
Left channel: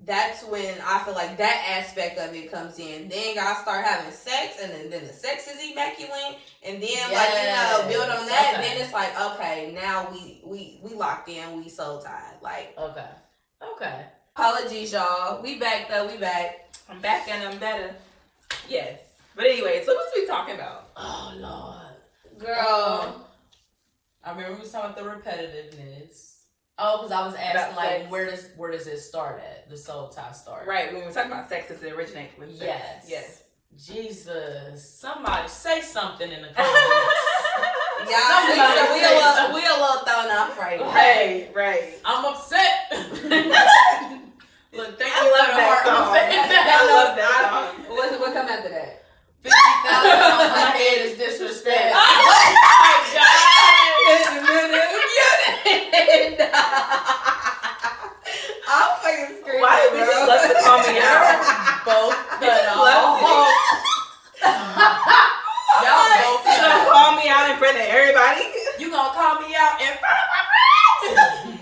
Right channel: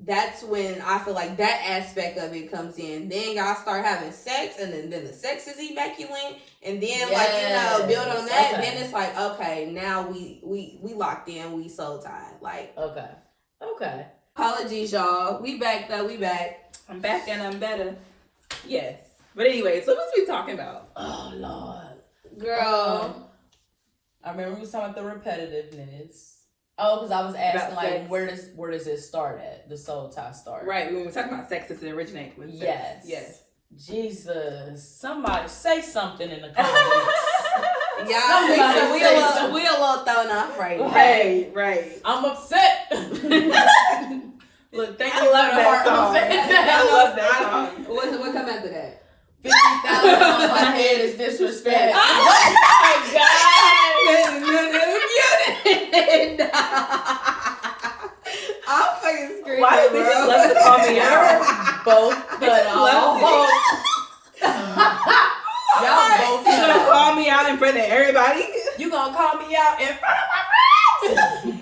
that's when I feel like that aspect of it comes in. Then y'all start having sex, and then the sex is immaculate, and then like, you know, build on that. Okay. Then it's like, okay, now we locked in, we soul tied. Like, okay. Apologies, y'all. We back though. We back. I'm back and I'm better. Yes. But anyway, so what's we talking about? Oh Lord, girl. I remember we was talking about the repetitiveness. Oh, because I was asking, like, sex. where does it start at? The soul tie start. Right, when we were talking about sex, does it originate with sex? Yes. Jesus. Somebody say something in the comments. Y'all, we a little thrown off right now. Right. I'm upset. Look, thank you for the heart. I love that song. What come after that? 50,000 on my head is disrespect. Oh my God. I'm fucking screaming. Why do bitches love to call me out? Both cut off. Y'all both cut off. Call me out in front of everybody? You gonna call me out in front of my friends?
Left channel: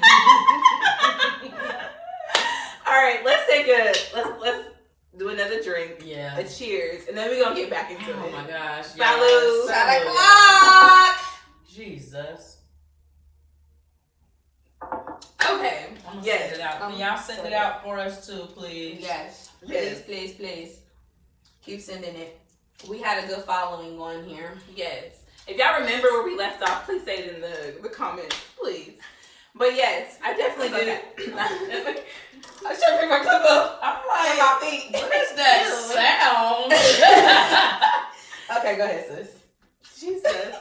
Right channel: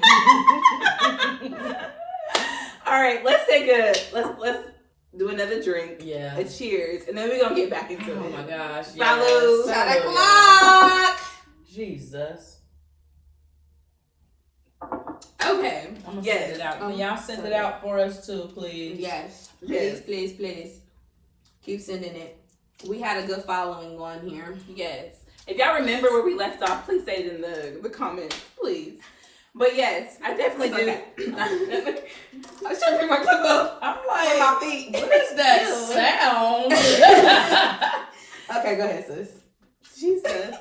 All right, let's do another drink. Yeah. A cheers. And then we're gonna get back into it. Oh my gosh. Salud. Shot o'clock. Jesus. Okay. I'm gonna send it out. Can y'all send it out for us too, please? Yes. Please. Keep sending it. We had a good following on here. Yes. If y'all remember where we left off, please say it in the comments, please. But yes, I definitely do. Okay. I'm trying to bring my cup up. I'm like, my feet. What is that sound? Okay, go ahead, sis. Jesus.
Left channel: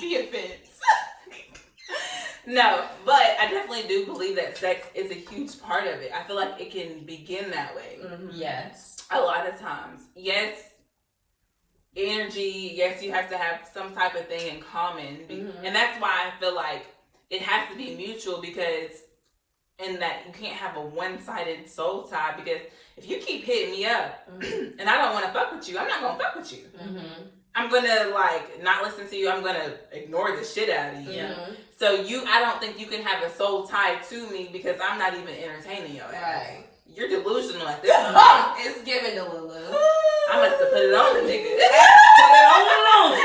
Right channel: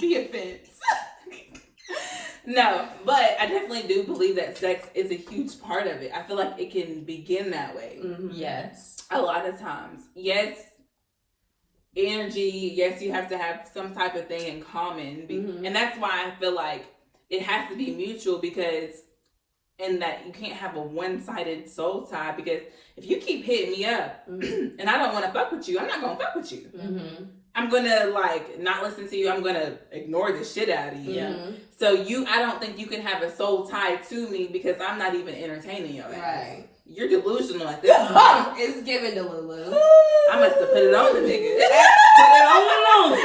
The offense. No, but I definitely do believe that sex is a huge part of it. I feel like it can begin that way. Mm-hmm. Yes. A lot of times. Yes, energy. Yes, you have to have some type of thing in common. Mm-hmm. And that's why I feel like it has to be mutual, because in that you can't have a one-sided soul tie, because if you keep hitting me up and I don't want to fuck with you, I'm not going to fuck with you. Mm-hmm. I'm going to like not listen to you. I'm going to ignore the shit out of you. Mm-hmm. So I don't think you can have a soul tie to me because I'm not even entertaining your ass. Right. You're delusional at this point. It's giving the Lulu. I must have put it on the nigga. Put it on.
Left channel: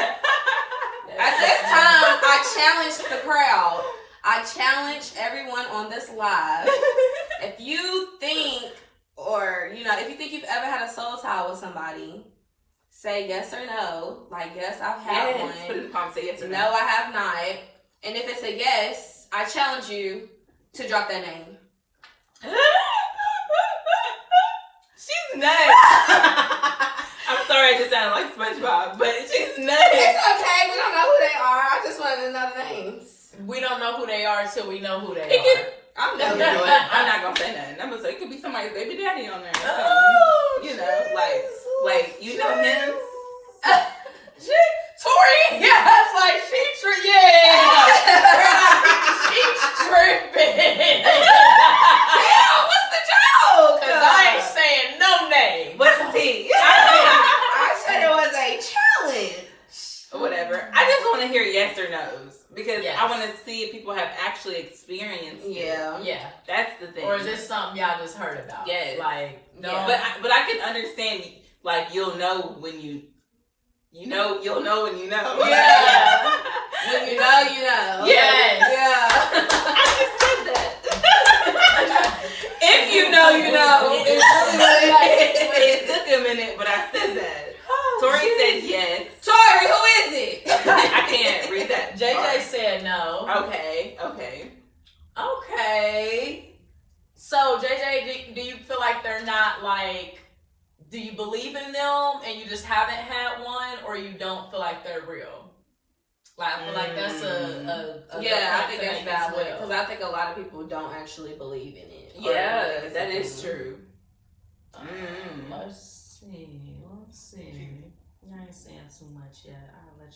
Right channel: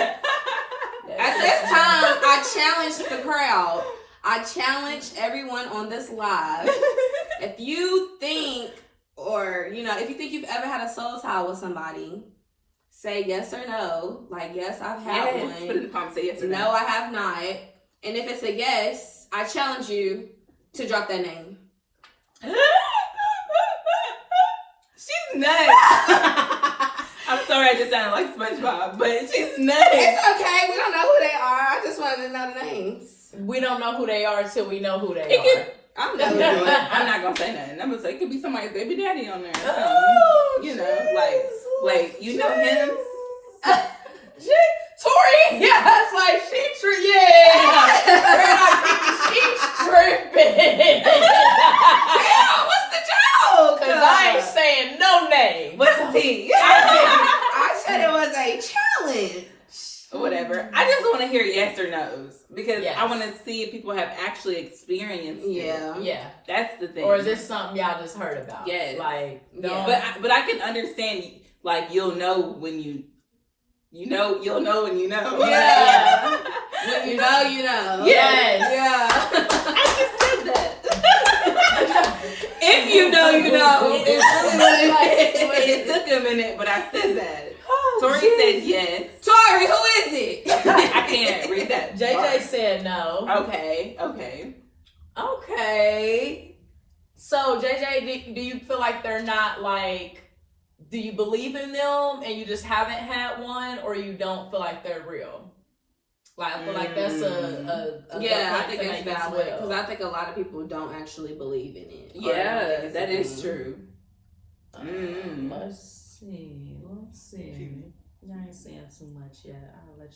At this time, I challenged the crowd. I challenge everyone on this live. If you think, or if you think you've ever had a soul tie with somebody, say yes or no. Like, yes, I've had one. Put it in the comments, say yes or no. No, I have not. And if it's a yes, I challenge you to drop that name. She's nuts. I'm sorry, I just sounded like SpongeBob, but she's nuts. It's okay. We don't know who they are. I just wanted to know the names. We don't know who they are until we know who they are. I'm not gonna say nothing. I'm gonna say it could be somebody's baby daddy on there. Oh, like you know him. Tori, yeah, it's like she's tripping. Damn, what's the joke? Cause I ain't saying no name. What's the tea? I said it was a challenge. Whatever. I just want to hear yes or no's, because I want to see if people have actually experienced it. Yeah. That's the thing. Or is this something y'all just heard about? Yes. Like, no. Yeah. But I can understand, like, you'll know when you'll know when you know. Yeah. When you know, you know. Yes. Yeah. I just said that. If you know, you know. It It took a minute, but I said that. Tori said yes. Tori, who is it? I can't read that. JJ said no. Okay. Okay. So JJ, do you feel like they're not like? Do you believe in them and you just haven't had one, or you don't feel like they're real? Like I feel like that's a yeah, I think it's valid because I think a lot of people don't actually believe in it. Yeah, that is true. Let's see. Y'all ain't saying too much yet. I'll let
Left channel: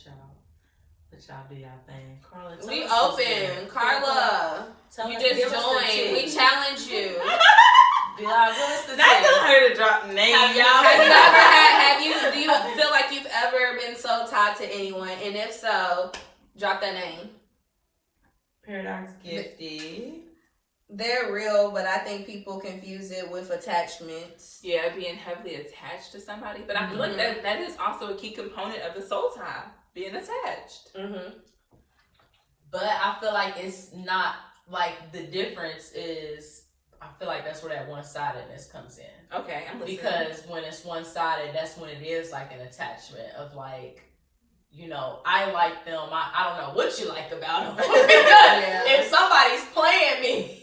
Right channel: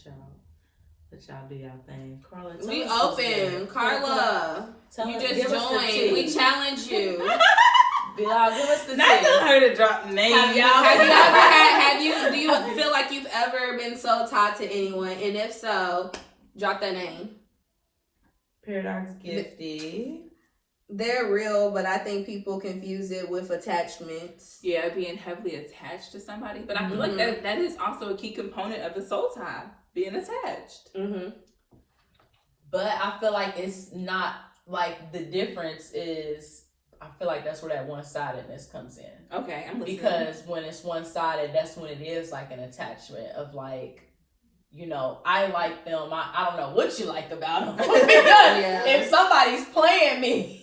y'all do y'all thing. Carla, we open. Carla, you just joined. We challenge you. Y'all give us the Not tell her to drop names. Do you feel like you've ever been so tied to anyone? And if so, drop that name. Paradox Gifty. They're real, but I think people confuse it with attachments. Yeah, being heavily attached to somebody. But I feel like that is also a key component of a soul tie, being attached. But I feel like it's not like the difference is. I feel like that's where that one-sidedness comes in. Okay, I'm listening. Because when it's one-sided, that's when it is like an attachment of like, you know, I like them. I don't know what you like about them. If somebody's playing me,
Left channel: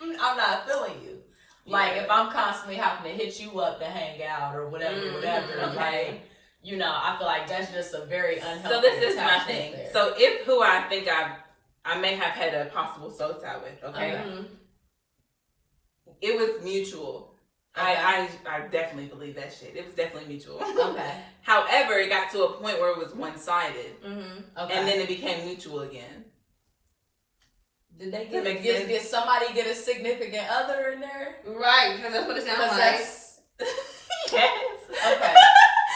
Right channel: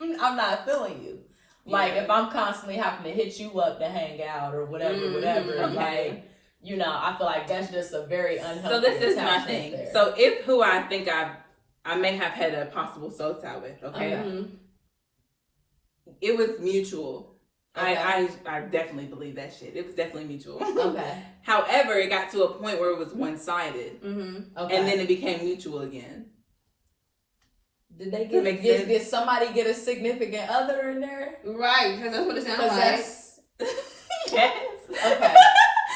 I'm not feeling you. Like if I'm constantly having to hit you up to hang out or whatever, like, you know, I feel like that's just a very unhealthy. So this is my thing. There. So if who I think I may have had a possible soul tie with, okay. It was mutual. Okay. I definitely believe that shit. It was definitely mutual. Okay. However, it got to a point where it was one-sided. Okay. And then it became mutual again. Did they did somebody get a significant other in there? Right, because that's what it sounds like. Yes. Okay.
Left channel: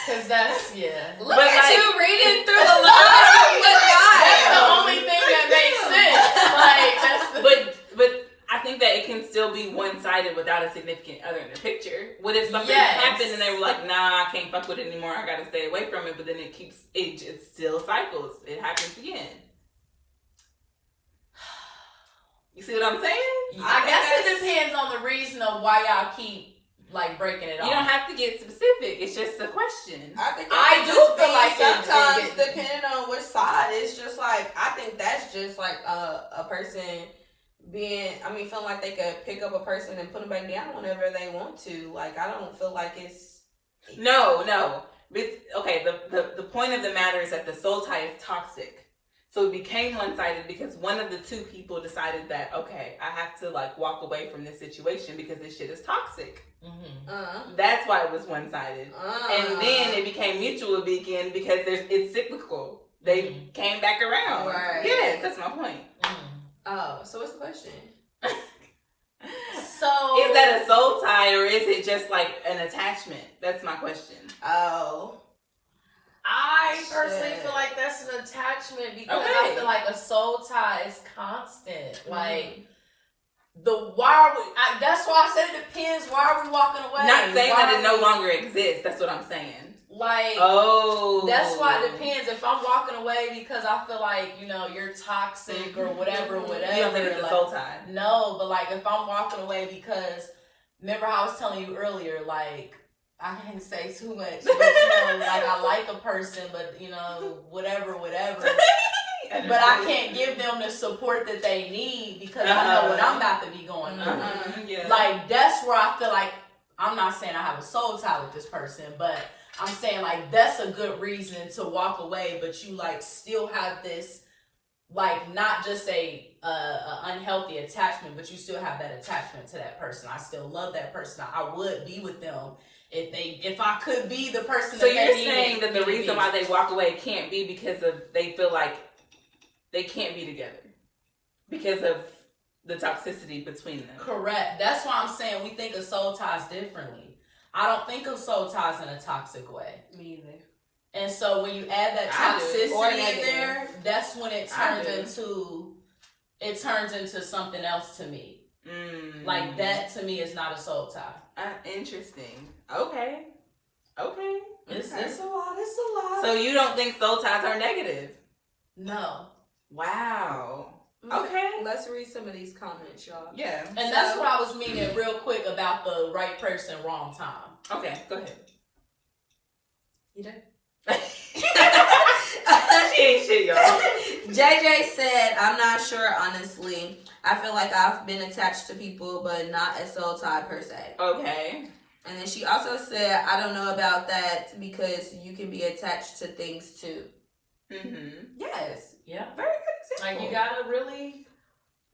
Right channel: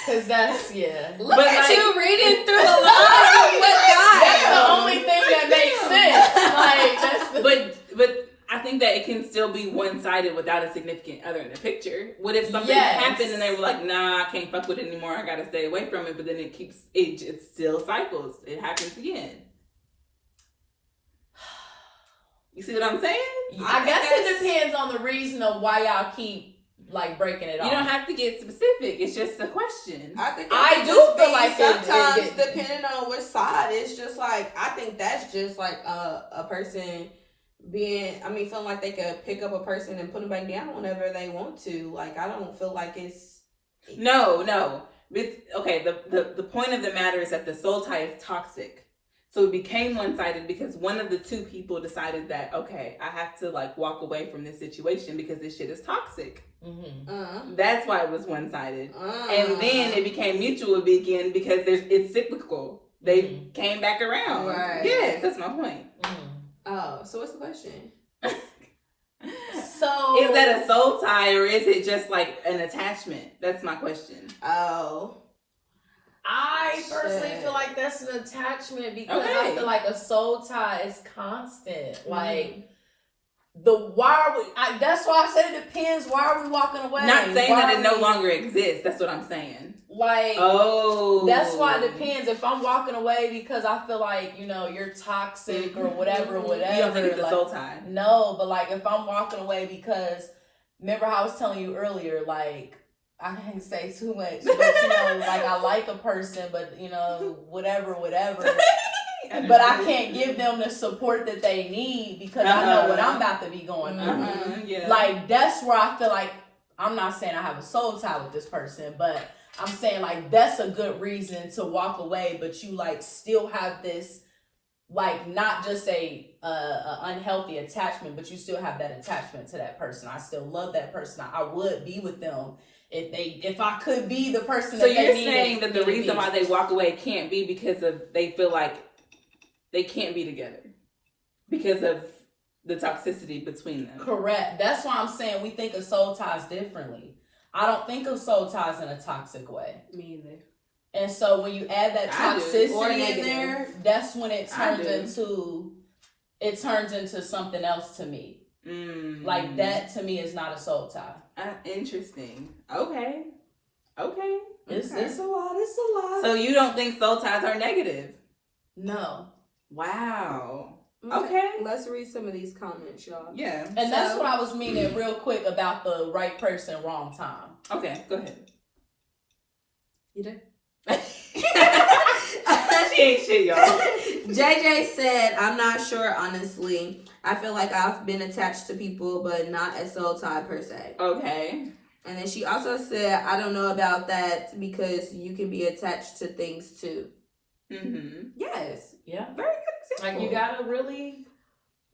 Because that's, Look at you reading through the lines. That's the only thing that makes sense. Like, that's but I think that it can still be one-sided without a significant other in the picture. What if something happened and they were like, nah, I can't fuck with it anymore. I gotta stay away from it. But then it still cycles. It happens again. You see what I'm saying? I guess it depends on the reason of why y'all keep like breaking it off. You don't have to get specific. It's just a question. I do feel like sometimes, depending on which side, it's just like, I think that's just like a person feeling like they could pick up a person and put them back down whenever they want to. Like, I don't feel like it's... No. Okay, the point of the matter is that the soul tie is toxic. So it became one-sided because one of the two people decided that, okay, I have to like walk away from this situation because this shit is toxic. That's why it was one-sided. And then it became mutual again because it's cyclical. They came back around. Right. Yes, that's my point. Oh, so what's the question? So is that a soul tie or is it just like an attachment? That's my question. Oh. I personally feel like that's an attachment because I feel like a soul tie is constant. Like that's why I said it depends. Why are we walking away? Not saying that it no longer exists. That's what I'm saying. Like, that's why it depends. If I'm walking away because I feel like, you know, you're toxic or whatever. You don't think it's a soul tie? No, but like if I'm walking away because, remember how I was telling you earlier, like, I can't say too much, but you know, like I like a person, but you know, whatever. But I can't give them the support that they need because I know what I'm about to be going through. Yeah. Like, that's where I feel like, I'm not saying I have a soul tie with this person, but I'm saying like that's a good reason to walk away, but you like still have this like not just a unhealthy attachment, but you still have that attachment to that person. I still love that person. I would be with them if I could be the person that they needed. So you're saying that the reason why they walk away can't be because of they feel like they can't be together because of the toxicity between them. Correct. That's why I'm saying we think of soul ties differently. I don't think of soul ties in a toxic way. Me either. And so when you add that toxicity in there, that's when it turns into something else to me. Like that to me is not a soul tie. Interesting. Okay. It's a lot. It's a lot. So you don't think soul ties are negative? No. Wow. Okay. Let's read some of these comments, y'all. Yeah. And that's what I was meaning real quick about the right person, wrong time. Okay, go ahead. You done? She ain't shit, y'all. JJ said, I'm not sure, honestly. I feel like I've been attached to people, but not a soul tie per se. Okay. And then she also said, I don't know about that because you can be attached to things too. Mm-hmm. Yes. Yeah. Very good example. Like, you gotta really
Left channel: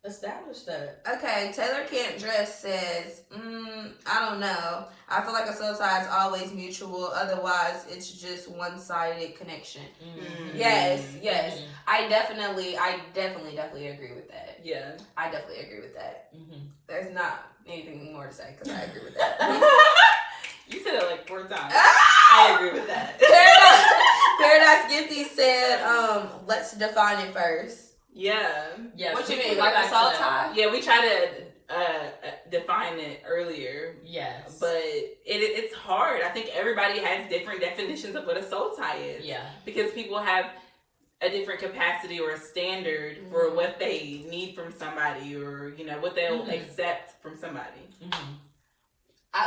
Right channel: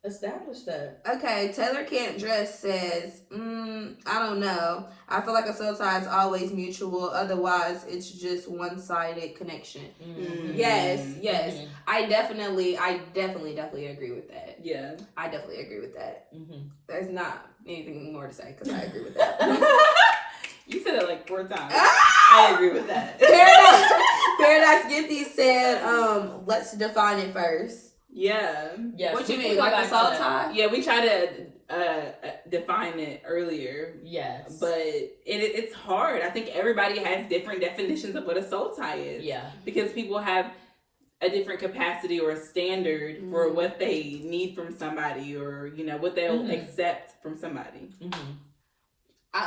establish that. Okay, Taylor Can't Dress says, I don't know. I feel like a soul tie is always mutual. Otherwise, it's just one-sided connection. Mm-hmm. Yes. Mm-hmm. I definitely agree with that. Yeah. I definitely agree with that. Mm-hmm. There's not anything more to say because I agree with that. You said it like 4 times. Ah! I agree with that. Paradise Gifty said, let's define it first. Yeah. Yes, What we you can mean, go like back a to soul that. tie? Yeah, we tried to define it earlier. Yes. But it's hard. I think everybody has different definitions of what a soul tie is. Yeah. Because people have a different capacity or a standard for what they need from somebody, or what they'll accept from somebody. Mm-hmm.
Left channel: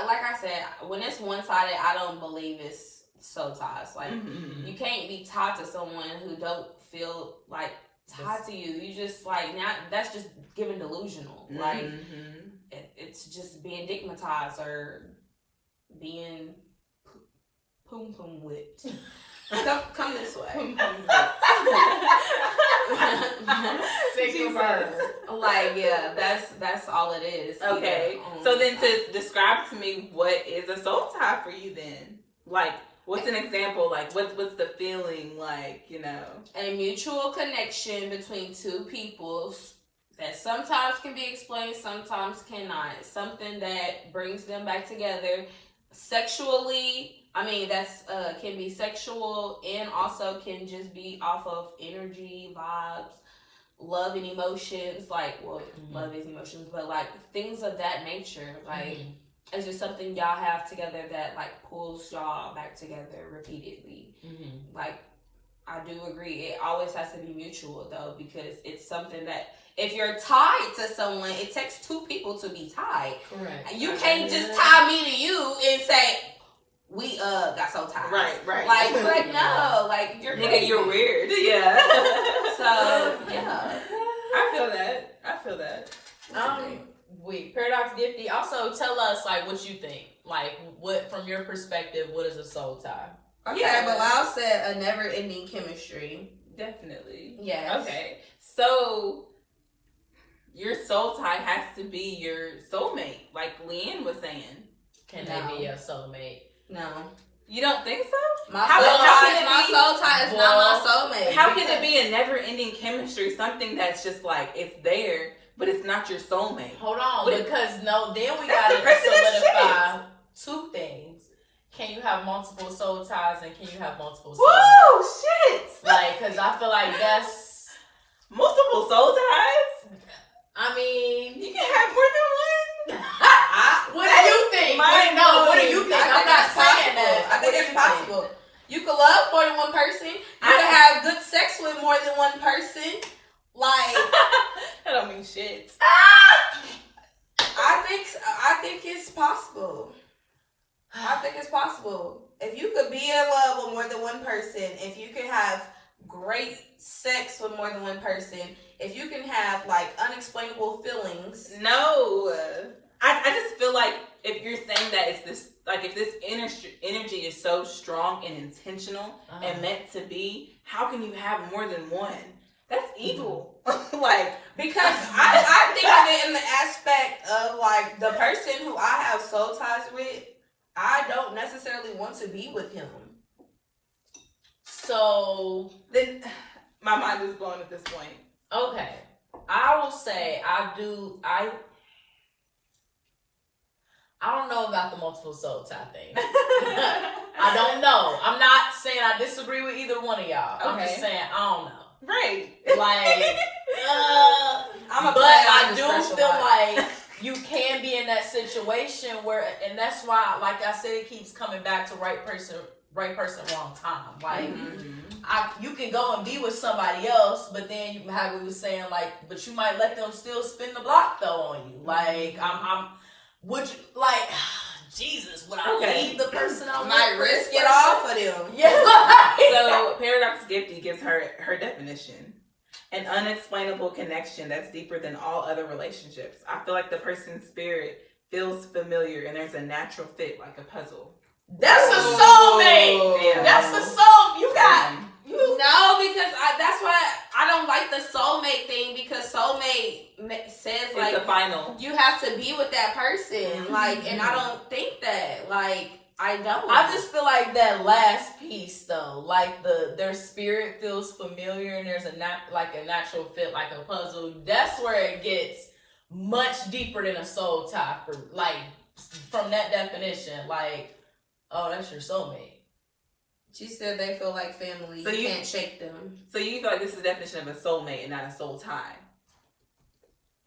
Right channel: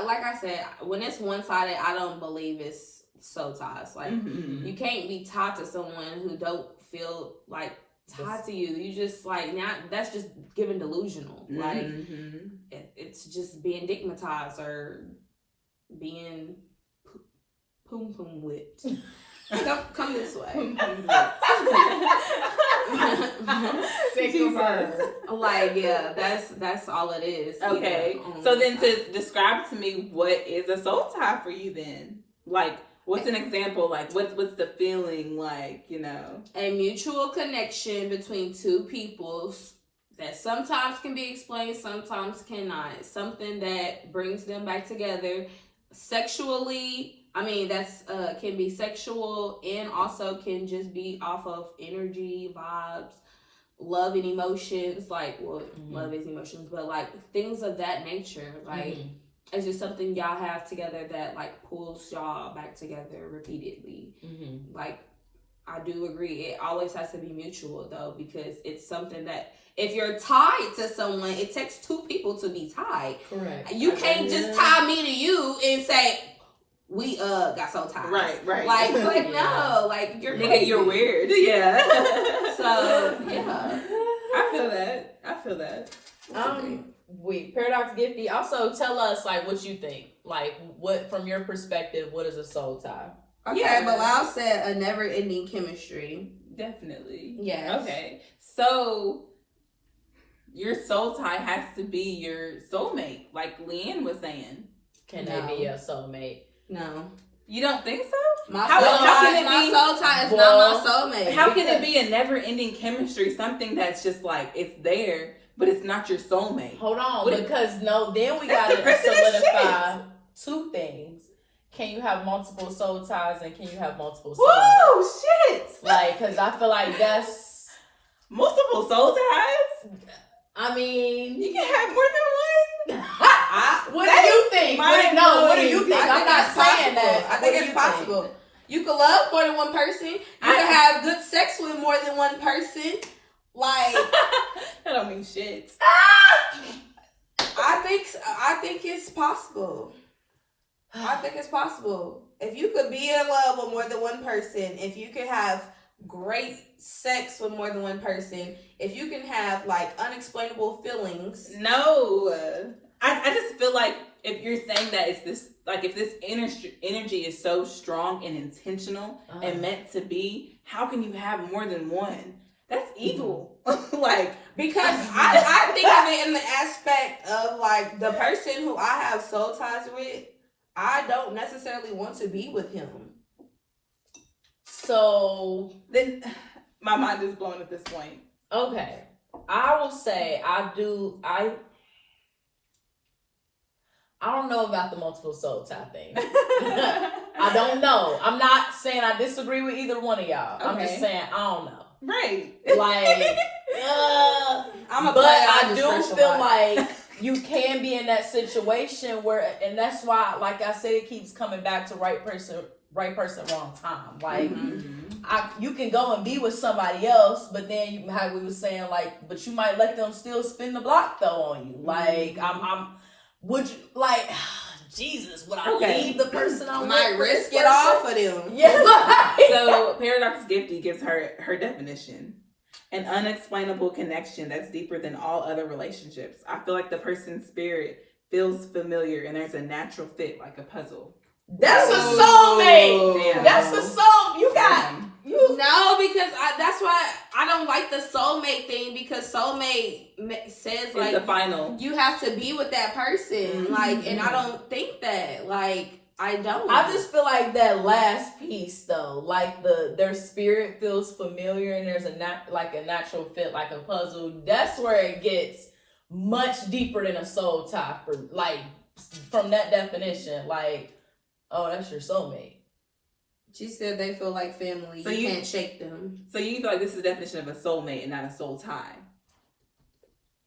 Like I said, when it's one-sided, I don't believe it's soul ties. Like, you can't be tied to someone who don't feel like tied to you. You just like, now that's just giving delusional. Like, it's just being digmatized or being poom whipped. Come this way. Like, yeah, that's all it is. Okay. So then, to describe to me what is a soul tie for you, then, like, what's an example? Like, what's the feeling like? A mutual connection between two peoples that sometimes can be explained, sometimes cannot. Something that brings them back together sexually. I mean, that's can be sexual and also can just be off of energy, vibes, love and emotions. Like, love is emotions, but like things of that nature. Like, it's just something y'all have together that like pulls y'all back together repeatedly. Like, I do agree. It always has to be mutual though, because it's something that if you're tied to someone, it takes two people to be tied. Correct. You can't just tie me to you and say, we got soul ties. Right. Like no, like you're crazy. Nigga, you're weird. Yeah. So yeah, I feel that. Wait, Paradox Gifty, also tell us like what you think. Like, what from your perspective, what is a soul tie? Okay, Yeah. Bilal said a never-ending chemistry. Definitely. Yes. Okay. So your soul tie has to be your soulmate, like Leanne was saying. Can they be a soulmate? No. You don't think so? My How soul tie is not my soulmate. How can it be a never-ending chemistry? Something that's just like it's there, but it's not your soulmate. Hold on, What because then we That's gotta the president's solidify two things. Can you have multiple soul ties and can you have multiple soulmates? Woo, shit! Like, because I feel like that's Multiple soul ties? I mean, You can have more than one? what do you think? What do you think? I'm not saying that. I think it's possible. You can love more than one person. You can have good sex with more than one person. Like, That don't mean shit. I think it's possible. I think it's possible. If you could be in love with more than one person, if you can have great sex with more than one person, if you can have like unexplainable feelings. No. I just feel like if you're saying that it's this, like if this energy is so strong and intentional and meant to be, how can you have more than one? That's evil. Like, because I think of it in the aspect of like the person who I have soul ties with, I don't necessarily want to be with him. So then my mind is blown at this point. Okay. I will say I don't know about the multiple soul tie thing. I don't know. I'm not saying I disagree with either one of y'all. I'm just saying I don't know. Right. Like, but I do feel like you can be in that situation where, and that's why, like I said, it keeps coming back to right person, right person, wrong time. Like, Mm-hmm. you can go and be with somebody else, but then you, how we was saying, like, but you might let them still spin the block though on you. Like, would you, like, Jesus, would I leave the person I might risk it all for them? Yeah. So Paradox Gifty gives her definition: an unexplainable connection that's deeper than all other relationships. I feel like the person's spirit feels familiar, and there's a natural fit, like a puzzle. That's a soulmate. Damn. That's a soul. You got you. No, because that's why I don't like the soulmate thing, because soulmate says It's like the final. you have to be with that person, Mm-hmm. like, and I don't think that. Like, I don't. I just feel like that last piece though, like their spirit feels familiar, and there's a natural fit, like a puzzle. That's where it gets much deeper than a soul tie. For like, from that definition, like, oh, that's your soulmate. She said they feel like family. So you you can't shake them. So you feel like this is the definition of a soulmate and not a soul tie?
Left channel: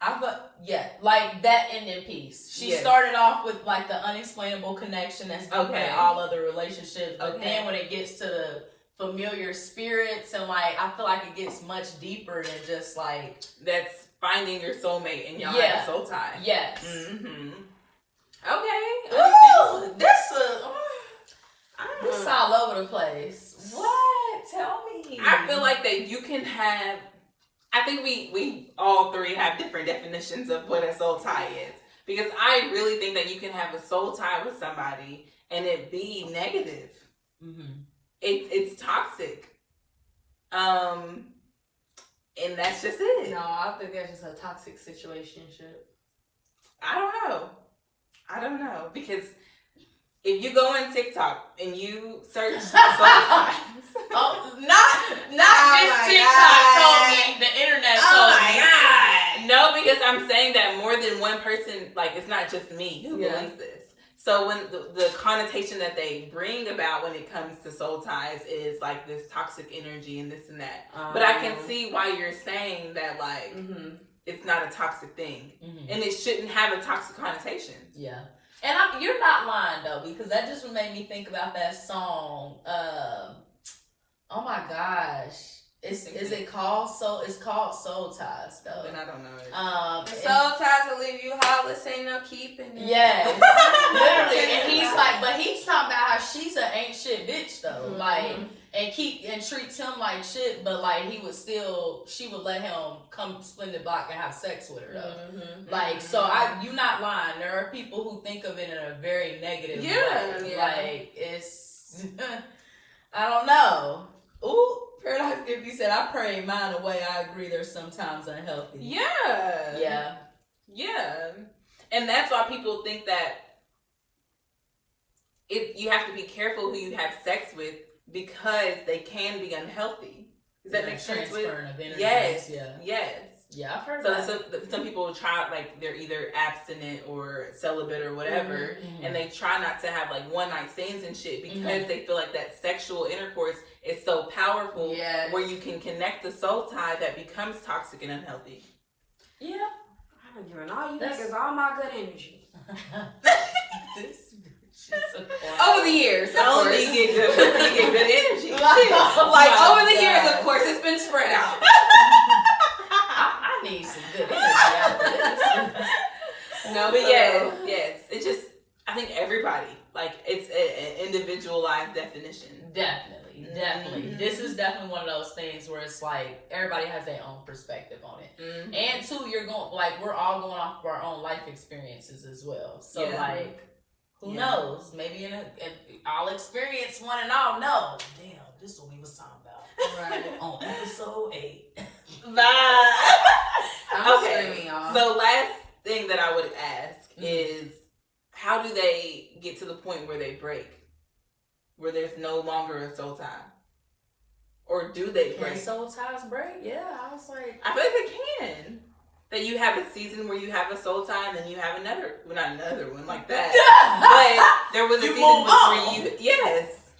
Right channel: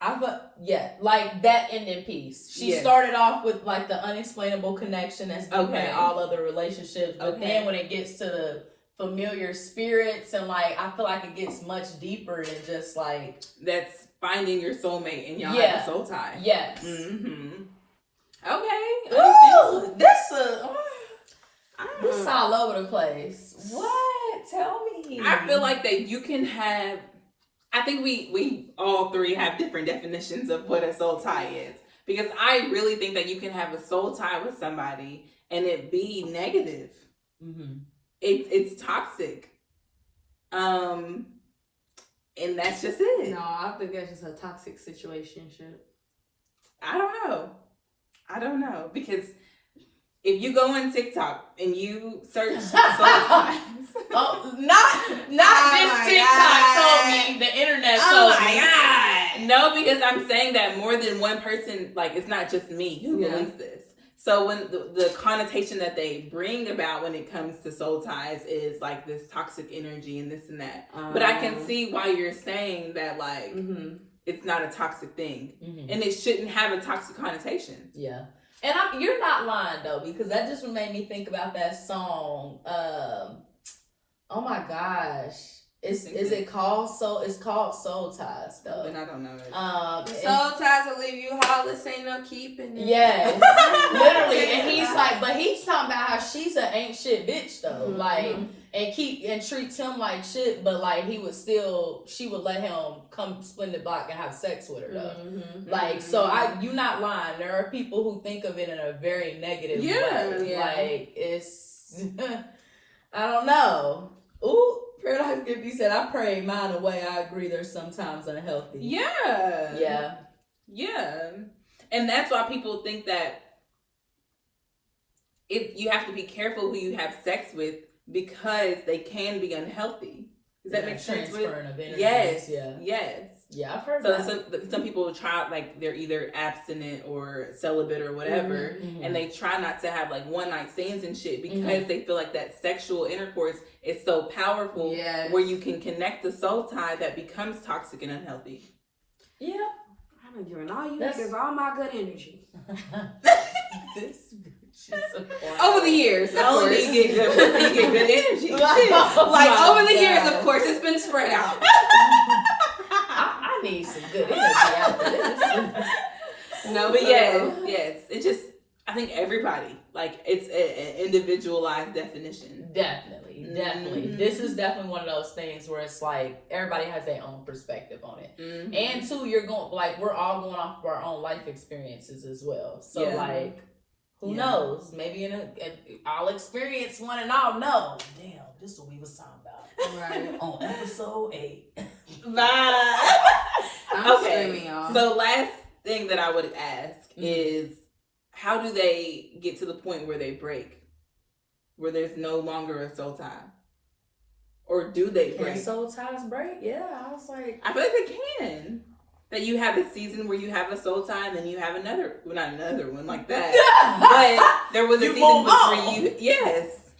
I thought, yeah, like that ending piece. She Yes. started off with like the unexplainable connection that's deeper Okay. than all other relationships, but Okay. then when it gets to the familiar spirits, and like I feel like it gets much deeper than just like, That's finding your soulmate and y'all Yeah. have a soul tie. yes. Mm-hmm. Okay. Ooh, this Mm. all over the place. What? Tell me. I feel like that you can have. I think we all three have different definitions of what a soul tie is, because I really think that you can have a soul tie with somebody and it be negative. Mm-hmm. It's toxic. And that's just it. No, I think that's just a toxic situationship. I don't know, because if you go on TikTok and you search soul ties, Oh, not Oh this my TikTok God. told me. The internet Oh told my me. God. no, because I'm saying that more than one person, like, it's not just me who Yeah. believes this. So when the connotation that they bring about when it comes to soul ties is like this toxic energy and this and that. But I can see why you're saying that, like, it's not a toxic thing. Mm-hmm. And it shouldn't have a toxic connotation. Yeah. And you're not lying though, because that just made me think about that song. Oh my gosh. Is it called Soul? It's called Soul Ties though. And I don't know it. Soul ties will leave you heartless, ain't no keeping it. Yes, literally. And he's like, but he's talking about how she's an ain't shit bitch though, like, and treats him like shit, but like she would let him come split the block and have sex with her though. Like, so you not lying. There are people who think of it in a very negative way. Yeah. Like, it's, I don't know. Ooh, Paradox Gifty said, I pray mine away. I agree, they're sometimes unhealthy. Yeah. Yeah. Yeah. And that's why people think that you have to be careful who you have sex with, because they can be unhealthy. Does that make sense? Transferring of energies. Yes. Yeah. Yes. Yeah, I've heard So that. some people try, like, they're either abstinent or celibate or whatever, and they try not to have like one night stands and shit, because they feel like that sexual intercourse is so powerful, where you can connect the soul tie that becomes toxic and unhealthy. Yeah. I don't give all you niggas all my good energy. This bitch is a clown. Over the years, of Only course. get good energy. Oh Like, my over the God. years, of course, it's been spread out. I need some good energy after this. No, but yes. It's just, I think everybody, like, it's an individualized definition. Definitely. Mm-hmm. This is definitely one of those things where it's like everybody has their own perspective on it. Mm-hmm. And two, we're all going off of our own life experiences as well. So like, who knows? Maybe I'll experience one and I'll know. Damn, this is what we was talking about. Right. On episode 8. Bye. I'm Okay. screaming, y'all. So last thing that I would ask is, how do they get to the point where they break? Where there's no longer a soul tie? Or do they break? Can soul ties break? Yeah, I was like, I feel like they can. That you have a season where you have a soul tie, and then you have another, well, not another one like that. But there was a season where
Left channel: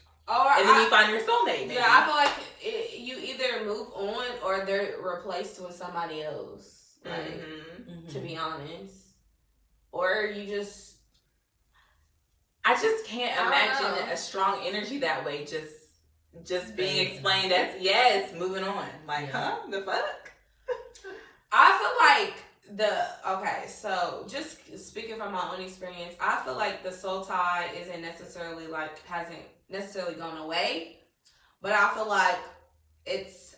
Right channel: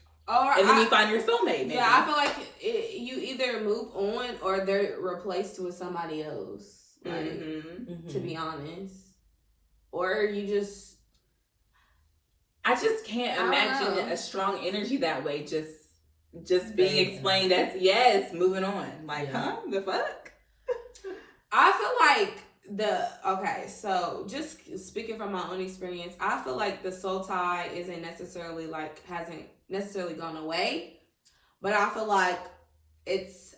and then you find your soulmate. Maybe. Yeah, I feel like you either move on or they're replaced with somebody else. Like, to be honest, or you just, I just can't imagine a strong energy that way. Just being explained as yes, moving on. Like, huh? The fuck? I feel like so just speaking from my own experience, I feel like the soul tie hasn't necessarily gone away, but I feel like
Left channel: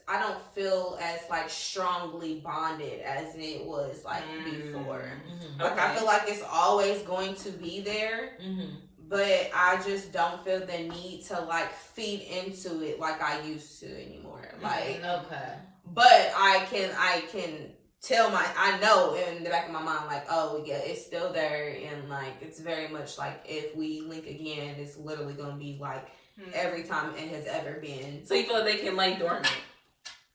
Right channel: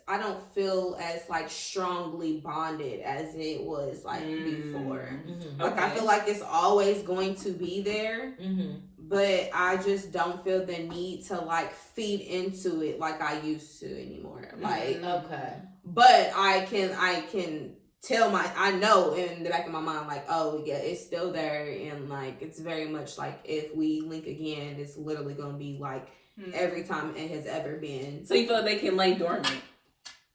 I don't feel as like strongly bonded as it was like before. Mm-hmm. Like I feel like it's always going to be there, but I just don't feel the need to like feed into it like I used to anymore. Like but I can tell I know in the back of my mind, like, oh yeah, it's still there, and like it's very much like if we link again, it's literally gonna be like every time it has ever been. So you feel like they can lay dormant?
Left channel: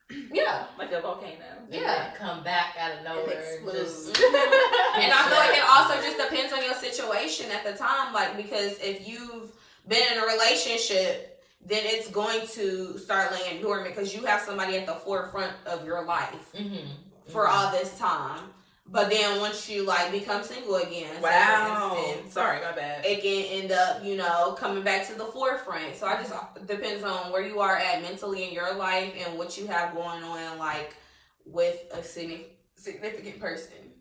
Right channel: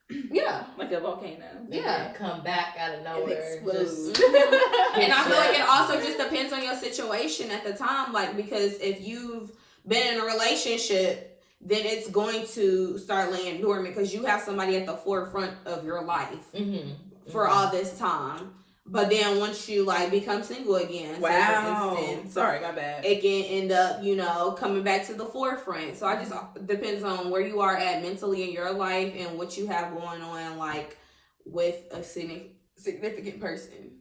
Yeah, like a volcano. Yeah, come back out of nowhere. And I feel like it also just depends on your situation at the time, like because if you've been in a relationship, then it's going to start laying dormant because you have somebody at the forefront of your life. For all this time, but then once you like become single again, sorry, my bad, it can end up coming back to the forefront. So I just depends on where you are at mentally in your life and what you have going on like with a significant person.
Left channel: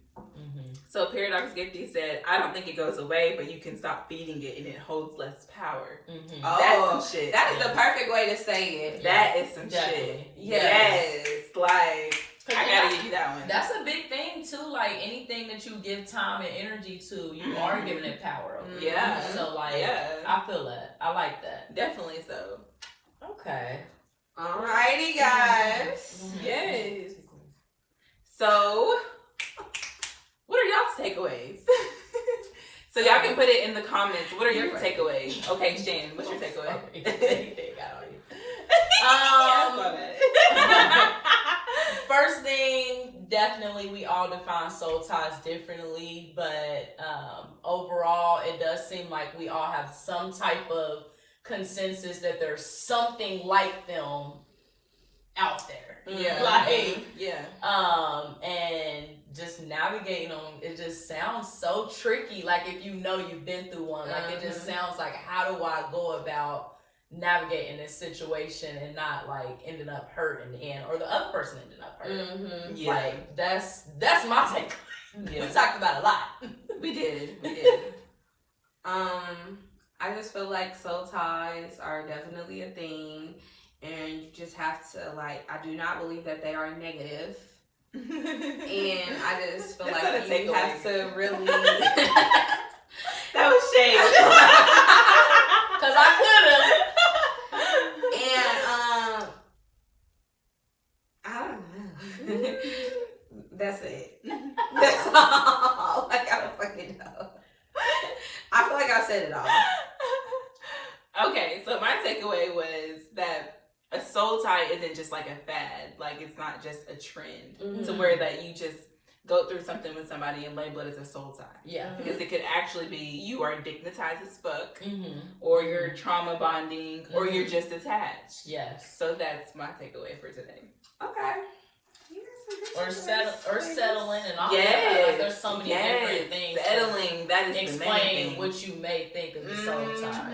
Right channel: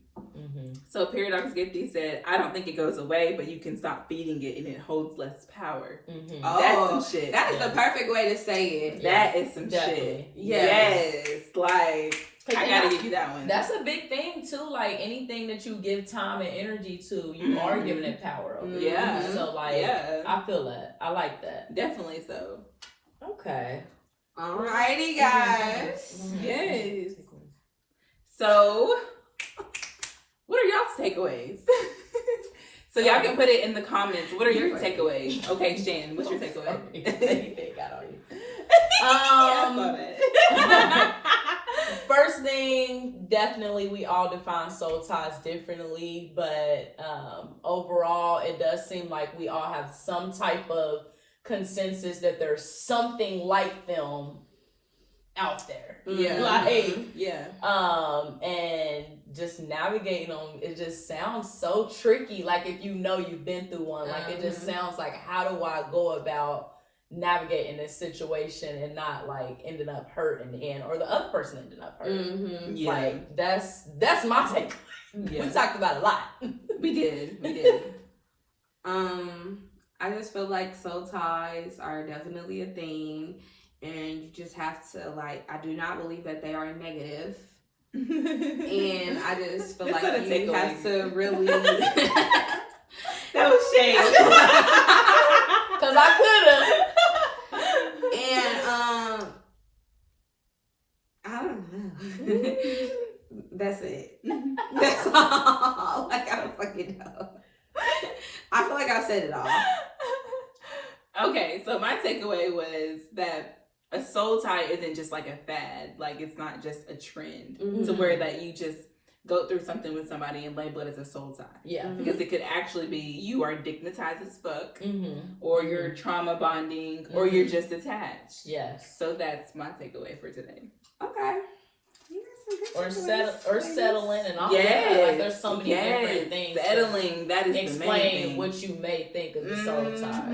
So Paradox Gifty said, I don't think it goes away, but you can stop feeding it and it holds less power. That's some shit. That is the perfect way to say it. That is some shit. Yes. Like, I gotta give you that one. That's a big thing too. Like anything that you give time and energy to, you are giving it power over. Yeah. So like, I feel that. I like that. Definitely so. Okay. Alrighty, guys. Yes. So, what are y'all's takeaways? So y'all can put it in the comments. What are your takeaways? Okay, Shannon, what's your takeaway? First thing, definitely we all define soul ties differently, but overall it does seem like we all have some type of consensus that there's something like them out there. And just navigating on it just sounds so tricky. Like if you've been through one, like it just sounds like, how do I go about navigating this situation and not like ending up hurt in the end, or the other person ending up hurt? Like that's my take. We talked about it a lot. We did. I just feel like soul ties are definitely a thing, and you just have to like, I do not believe that they are negative. And I just feel like you have to really that was shade. Cause I and I don't know. That's it. That's all. Like I don't fucking know. I feel like I've said it all. Okay, so my takeaway was that a soul tie isn't just like a fad. Like it's not just a trend to where that you just go through something with somebody and label it as a soul tie. Yeah. Because it could actually be you are dignitized as fuck, or you're trauma bonding, or you're just attached. Yes. So that's my takeaway for today. Okay. Or settling and all that. Like there's so many different things. Settling, that is explain the main thing. What you may think of the soul tie.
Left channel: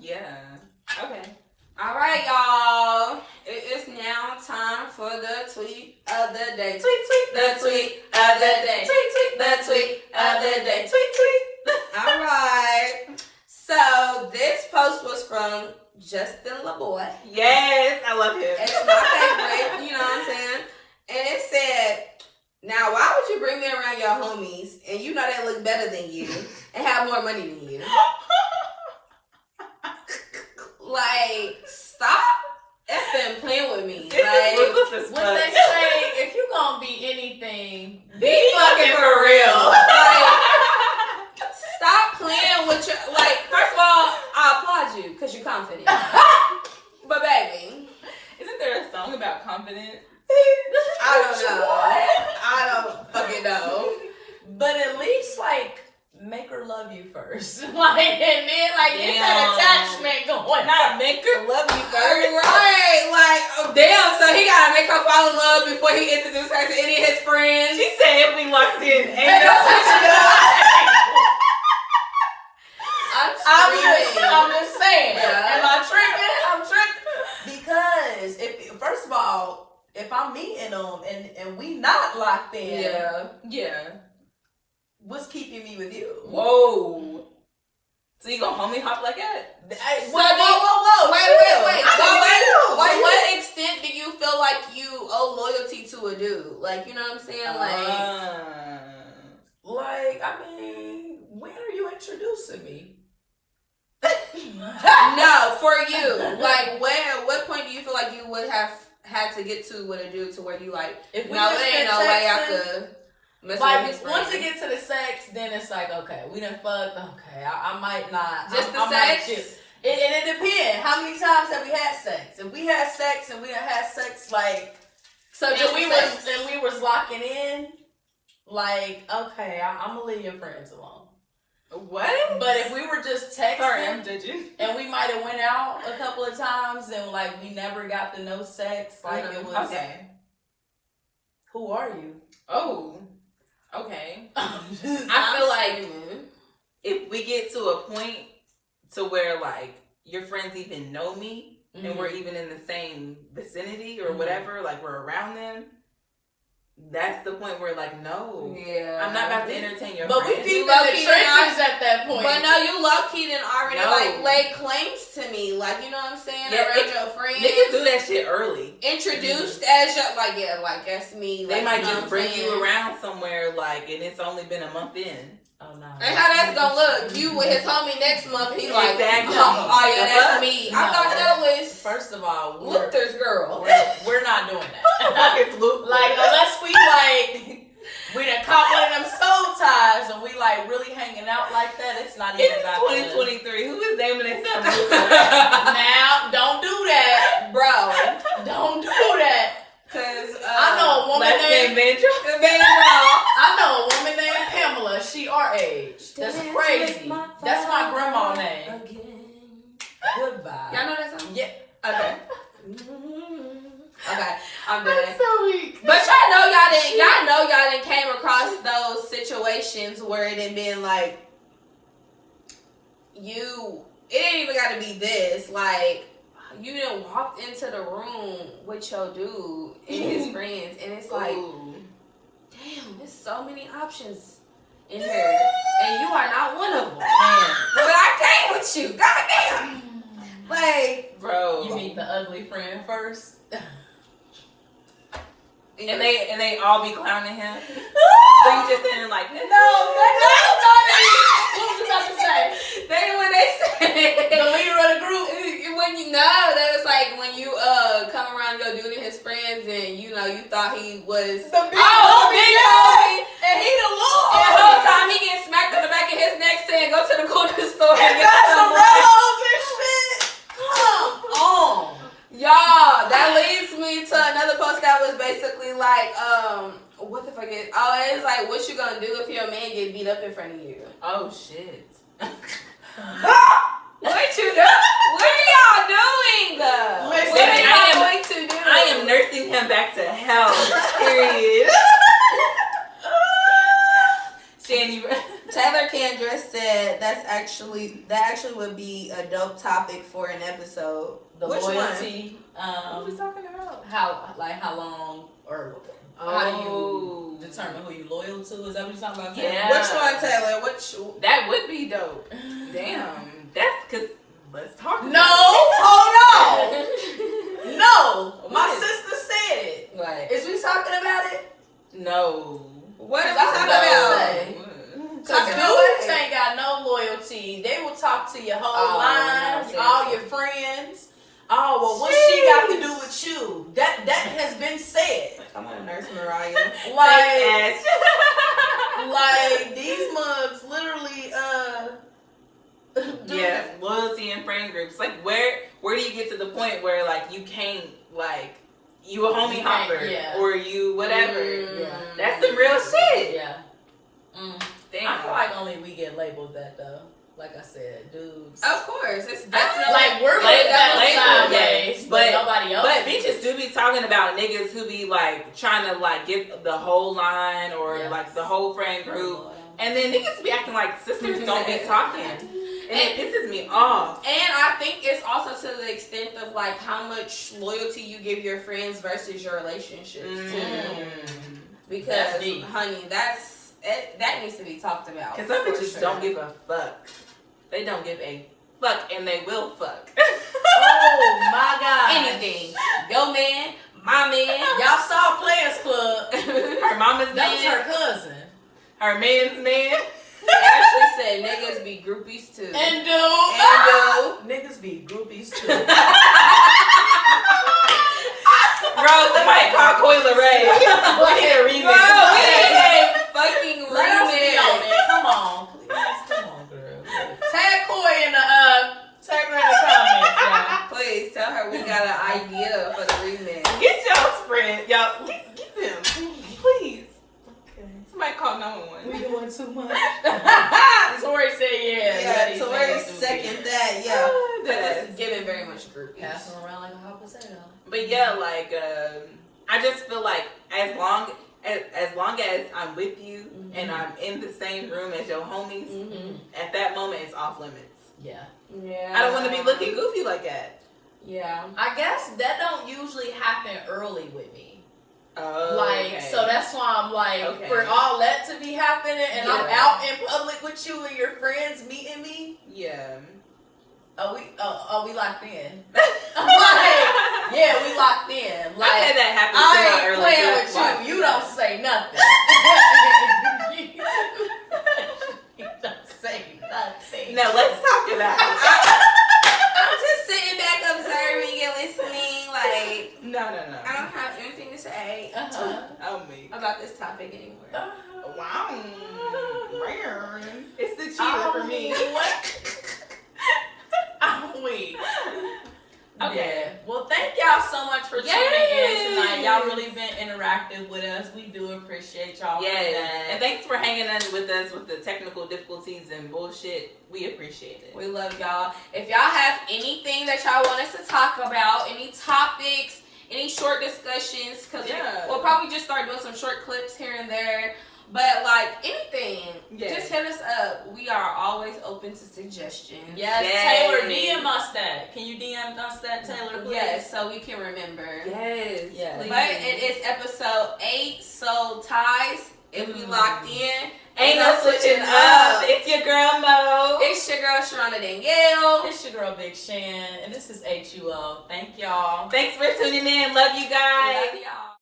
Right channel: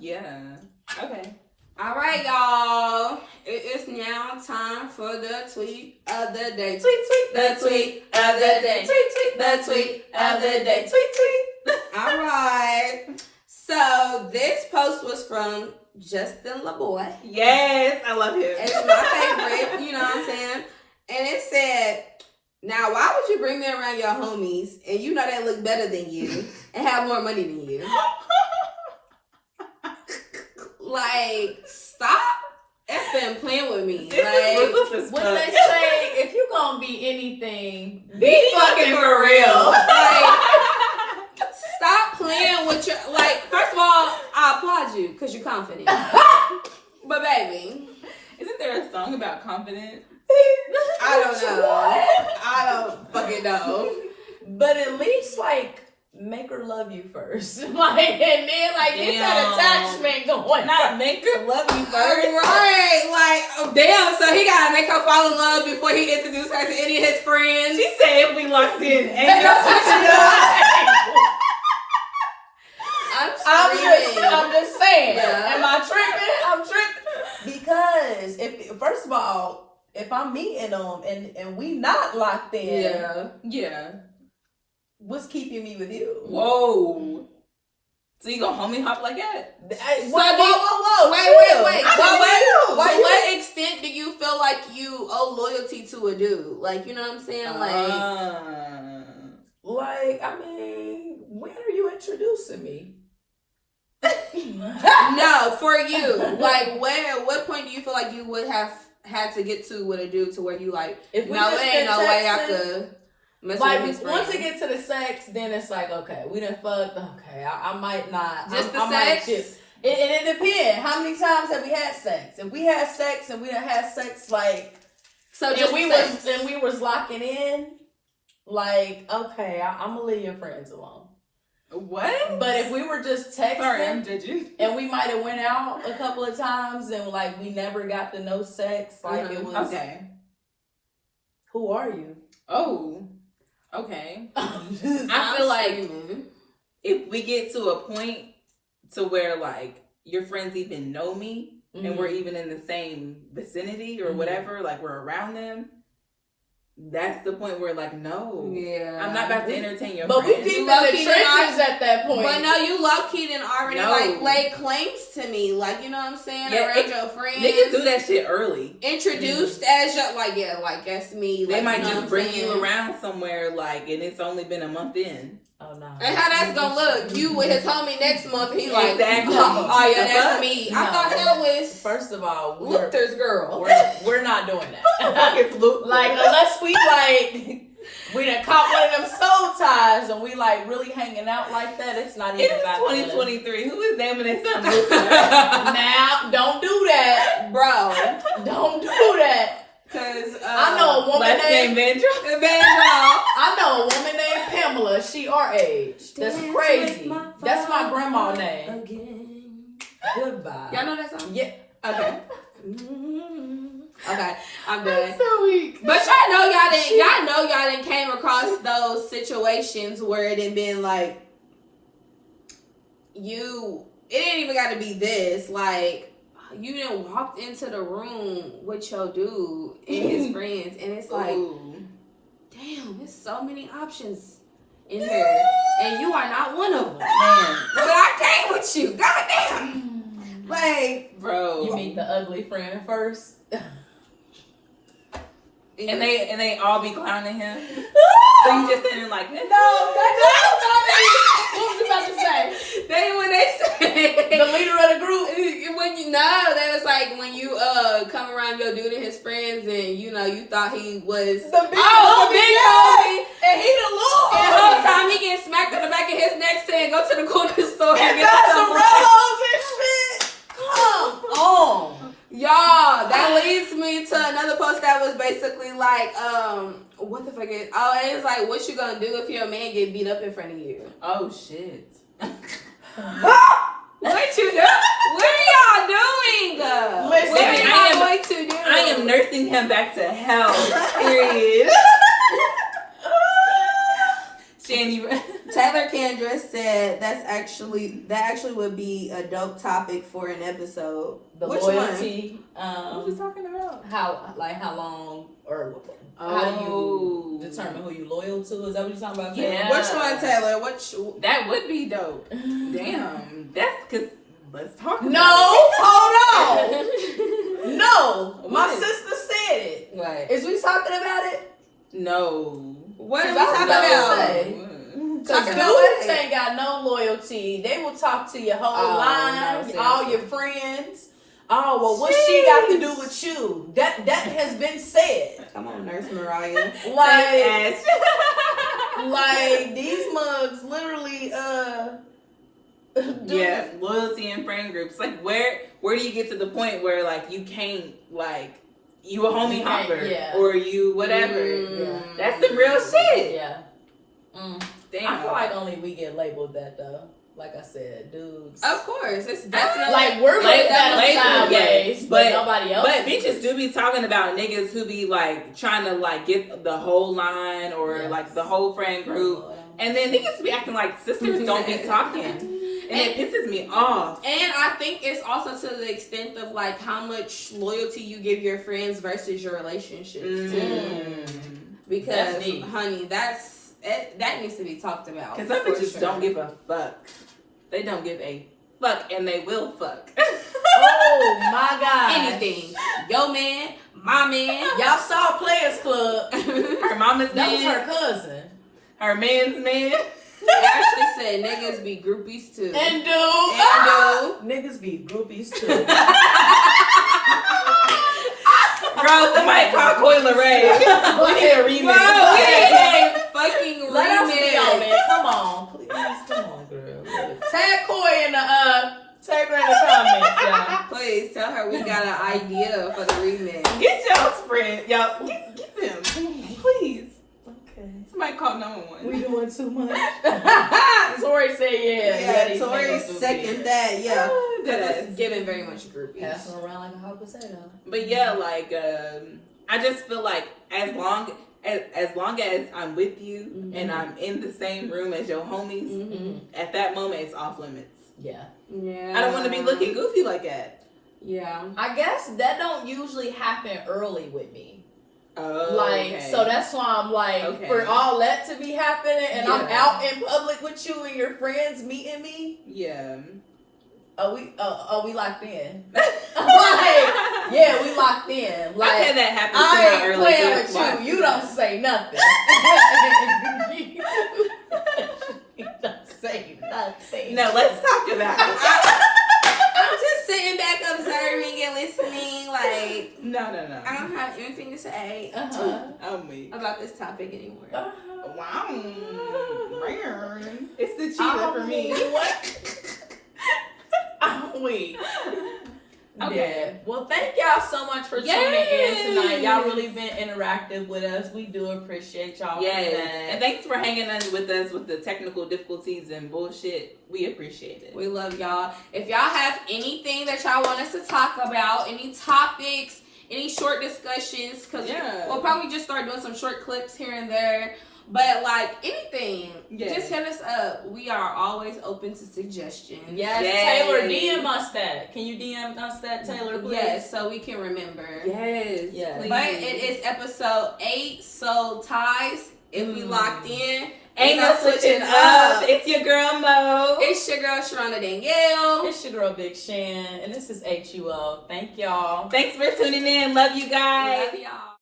Yeah. Okay. All right, y'all. It is now time for the tweet of the day. Tweet, tweet, the tweet of the day. Tweet, tweet, the tweet of the day. Tweet, tweet. All right. So this post was from Justin LaBoy. Yes, I love him. It's my favorite. You know what I'm saying? And it said, now why would you bring me around your homies and you know they look better than you and have more money than you? Like, stop effing playing with me. Like, when they say, if you gonna be anything, be fucking for real. Like, stop playing with your, like, first of all, I applaud you because you're confident. But baby, isn't there a song about confidence? I don't know. I don't fucking know. But at least, like, make her love you first. Like, and then, like, get that attachment going. Not make her love you first. Right. Like, oh, damn. So he gotta make her fall in love before he introduced her to any of his friends. She said if we locked in, ain't no switching up. I'm just saying. Yeah. Am I tripping? I'm tripping. Because if first of all, if I'm meeting them and we not locked in, Yeah. what's keeping me with you? Whoa. So you gonna homie hop like that? Whoa. Wait. Chill. To what extent do you feel like you owe loyalty to a dude? Like, you know what I'm saying? I mean, when are you introducing me? No, for you. Like, what point do you feel like you would have had to get to with a dude to where you like, if we no, just there ain't been no way I texting, could mess like with his once friend. it get to the sex, then it's like, okay, we done fucked. Okay, I might not. Just the I might sex? just- It depends. How many times have we had sex? If we had sex and we done had sex, like, So and just we was locking in, like, okay, I'm gonna leave your friends alone. What? But if we were just texting, Sorry, I'm judging. and we might have went out a couple of times and like we never got to know sex, like it was. Okay. Who are you? Oh. Okay. I feel like if we get to a point to where like your friends even know me and we're even in the same vicinity or whatever, like we're around them, that's the point where like, no. Yeah. I'm not about to entertain your But we friends. peeped in Low-key the trenches at that point. But no, you low-key done already No. like laid claims to me. Like, you know what I'm saying? Yeah, Around your friends. Niggas do that shit early. Introduced as your, like, yeah, like, that's me. They Like, might you know just what bring I'm you saying? around somewhere like, and it's only been a month in. Oh no. And how that's gonna look? You with his homie next month, he like, Exactly. oh yeah, that's me. No. I thought that was First of all, Luther's girl. we're not doing that. Fuck is Luke. Like unless we like we done caught one of them soul ties and we like really hanging out like that, it's not even It's about 2023. Who is naming their son Luke? Now, don't do that. Bro. Don't do that. Cause I know a woman Last name named Vandra. I know a woman named Pamela. She our age. That's crazy. That's my grandma's name. Again. Goodbye. Y'all know that song? Yeah. Okay. Okay, I'm done. So weak. But y'all know y'all didn't came across those situations where it had been like it ain't even gotta be this, like you didn't walk into the room with your dude and his friends and it's like, damn, there's so many options in here and you are not one of them. Man, But I came with you, goddamn. Like, bro. You meet the ugly friend first. And they all be clowning him. So you just standing like, No, what was you about to say? when they said The leader of the group. when you know, they was like when you come around your dude and his friends and you know you thought he was The big big homie, and he the little and the whole time he getting smacked on the back of his neck saying go to the corner store and get got some some Rellos and shit. Come on. Y'all, that leads me to another post that was basically like, what the fuck is? Oh, it was like, what you gonna do if your man get beat up in front of you? oh shit. What you do? What are y'all doing? Listen, What are y'all I am- going to do? I am nursing him back to health. Period. Shanny. Taylor Kendra said that actually would be a dope topic for an episode. The Which loyalty. What we talking about? How long or how do you determine who you loyal to? Is that what you're talking about? Yeah. Which one, Taylor? That would be dope. Damn. That's because let's talk about No, hold on. No, my What? sister said it. Right. Is we talking about it? No. What are we Cause I talking was about? gonna say. Cause Talking dudes about ain't got no loyalty. They will talk to your whole Oh, line, no, all seriously. your friends. Oh well, what she got to do with you? That has been said. Come on, Nurse Mariah. Like, Thanks, like these mugs literally do- yeah, loyalty and friend groups. Like where do you get to the point where like you can't like you a homie You can't, hopper yeah. or you whatever. Yeah. That's some real shit. Yeah. Mm. Damn. I feel like only we get labeled that though. Like I said, dudes. Of course, it's definitely Like we're Like, looked at labeled, sideways, yes, but but- nobody else. But bitches do be talking about niggas who be like trying to like get the whole line or Yes. like the whole friend group. And then niggas be acting like sisters don't be talking. And it pisses me off. And I think it's also to the extent of like how much loyalty you give your friends versus your relationships too. Because, honey, that needs to be talked about. Because some bitches don't give a fuck. They don't give a fuck, and they will fuck. Oh my God! Anything, your man, my man. Y'all saw Players Club. Her mama's That was man. her cousin. Her man's man. They actually said niggas be groupies too. And do. Niggas be groupies too. Bro, somebody call Coyle Ray. We need a remix. Bro, we need a fucking Let us be on remix. it. Come on, please. Come on, girl. Tag Coy in the tag her in the comments, y'all. Please tell her we got an idea for the remix. Get y'all's friend. Y'all, get them. Please. Okay. Somebody call 911. We doing too much. Tori said Yeah, Tori second that. Yeah, Yes. that's giving very much groupies. Passing around like a hot potato. But yeah, like I just feel like as long as I'm with you and I'm in the same room as your homies, at that moment it's off limits. Yeah. Yeah. I don't want to be looking goofy like that. Yeah. I guess that don't usually happen early with me. Oh, Like, okay. so that's why I'm like, Okay. for all that to be happening and I'm Yeah. out in public with you and your friends meeting me, Yeah. are we locked in? Like, yeah, we locked in. Like, I've had that happen to I my ain't early playing girls with life. you. You don't say nothing. You don't say nothing. No, let's talk about it. I'm just sitting back observing and listening. Like, No. I don't have anything to say I'm weak. about this topic anymore. Wow. It's the cheater for me. What? I'm weak. Okay. Yeah. Well, thank y'all so much for tuning in tonight. Y'all really been interactive with us. We do appreciate y'all. Yes. For that. And thanks for hanging in with us with the technical difficulties and bullshit. We appreciate it. We love y'all. If y'all have anything that y'all want us to talk about, any topics, any short discussions, because we'll probably just start doing some short clips here and there. But like anything, just hit us up. We are always open to suggestions. Yes, Taylor, DM us that. Can you DM us that, Taylor, please? Yes, so we can remember. Yes. Yes. But it is episode 8, so ties. If we locked in, Ain't no switching up. It's your girl Mo. It's your girl Sharona Danielle. It's your girl Big Shan, and this is HUO. Thank y'all. Thanks for tuning in. Love you guys. Love y'all.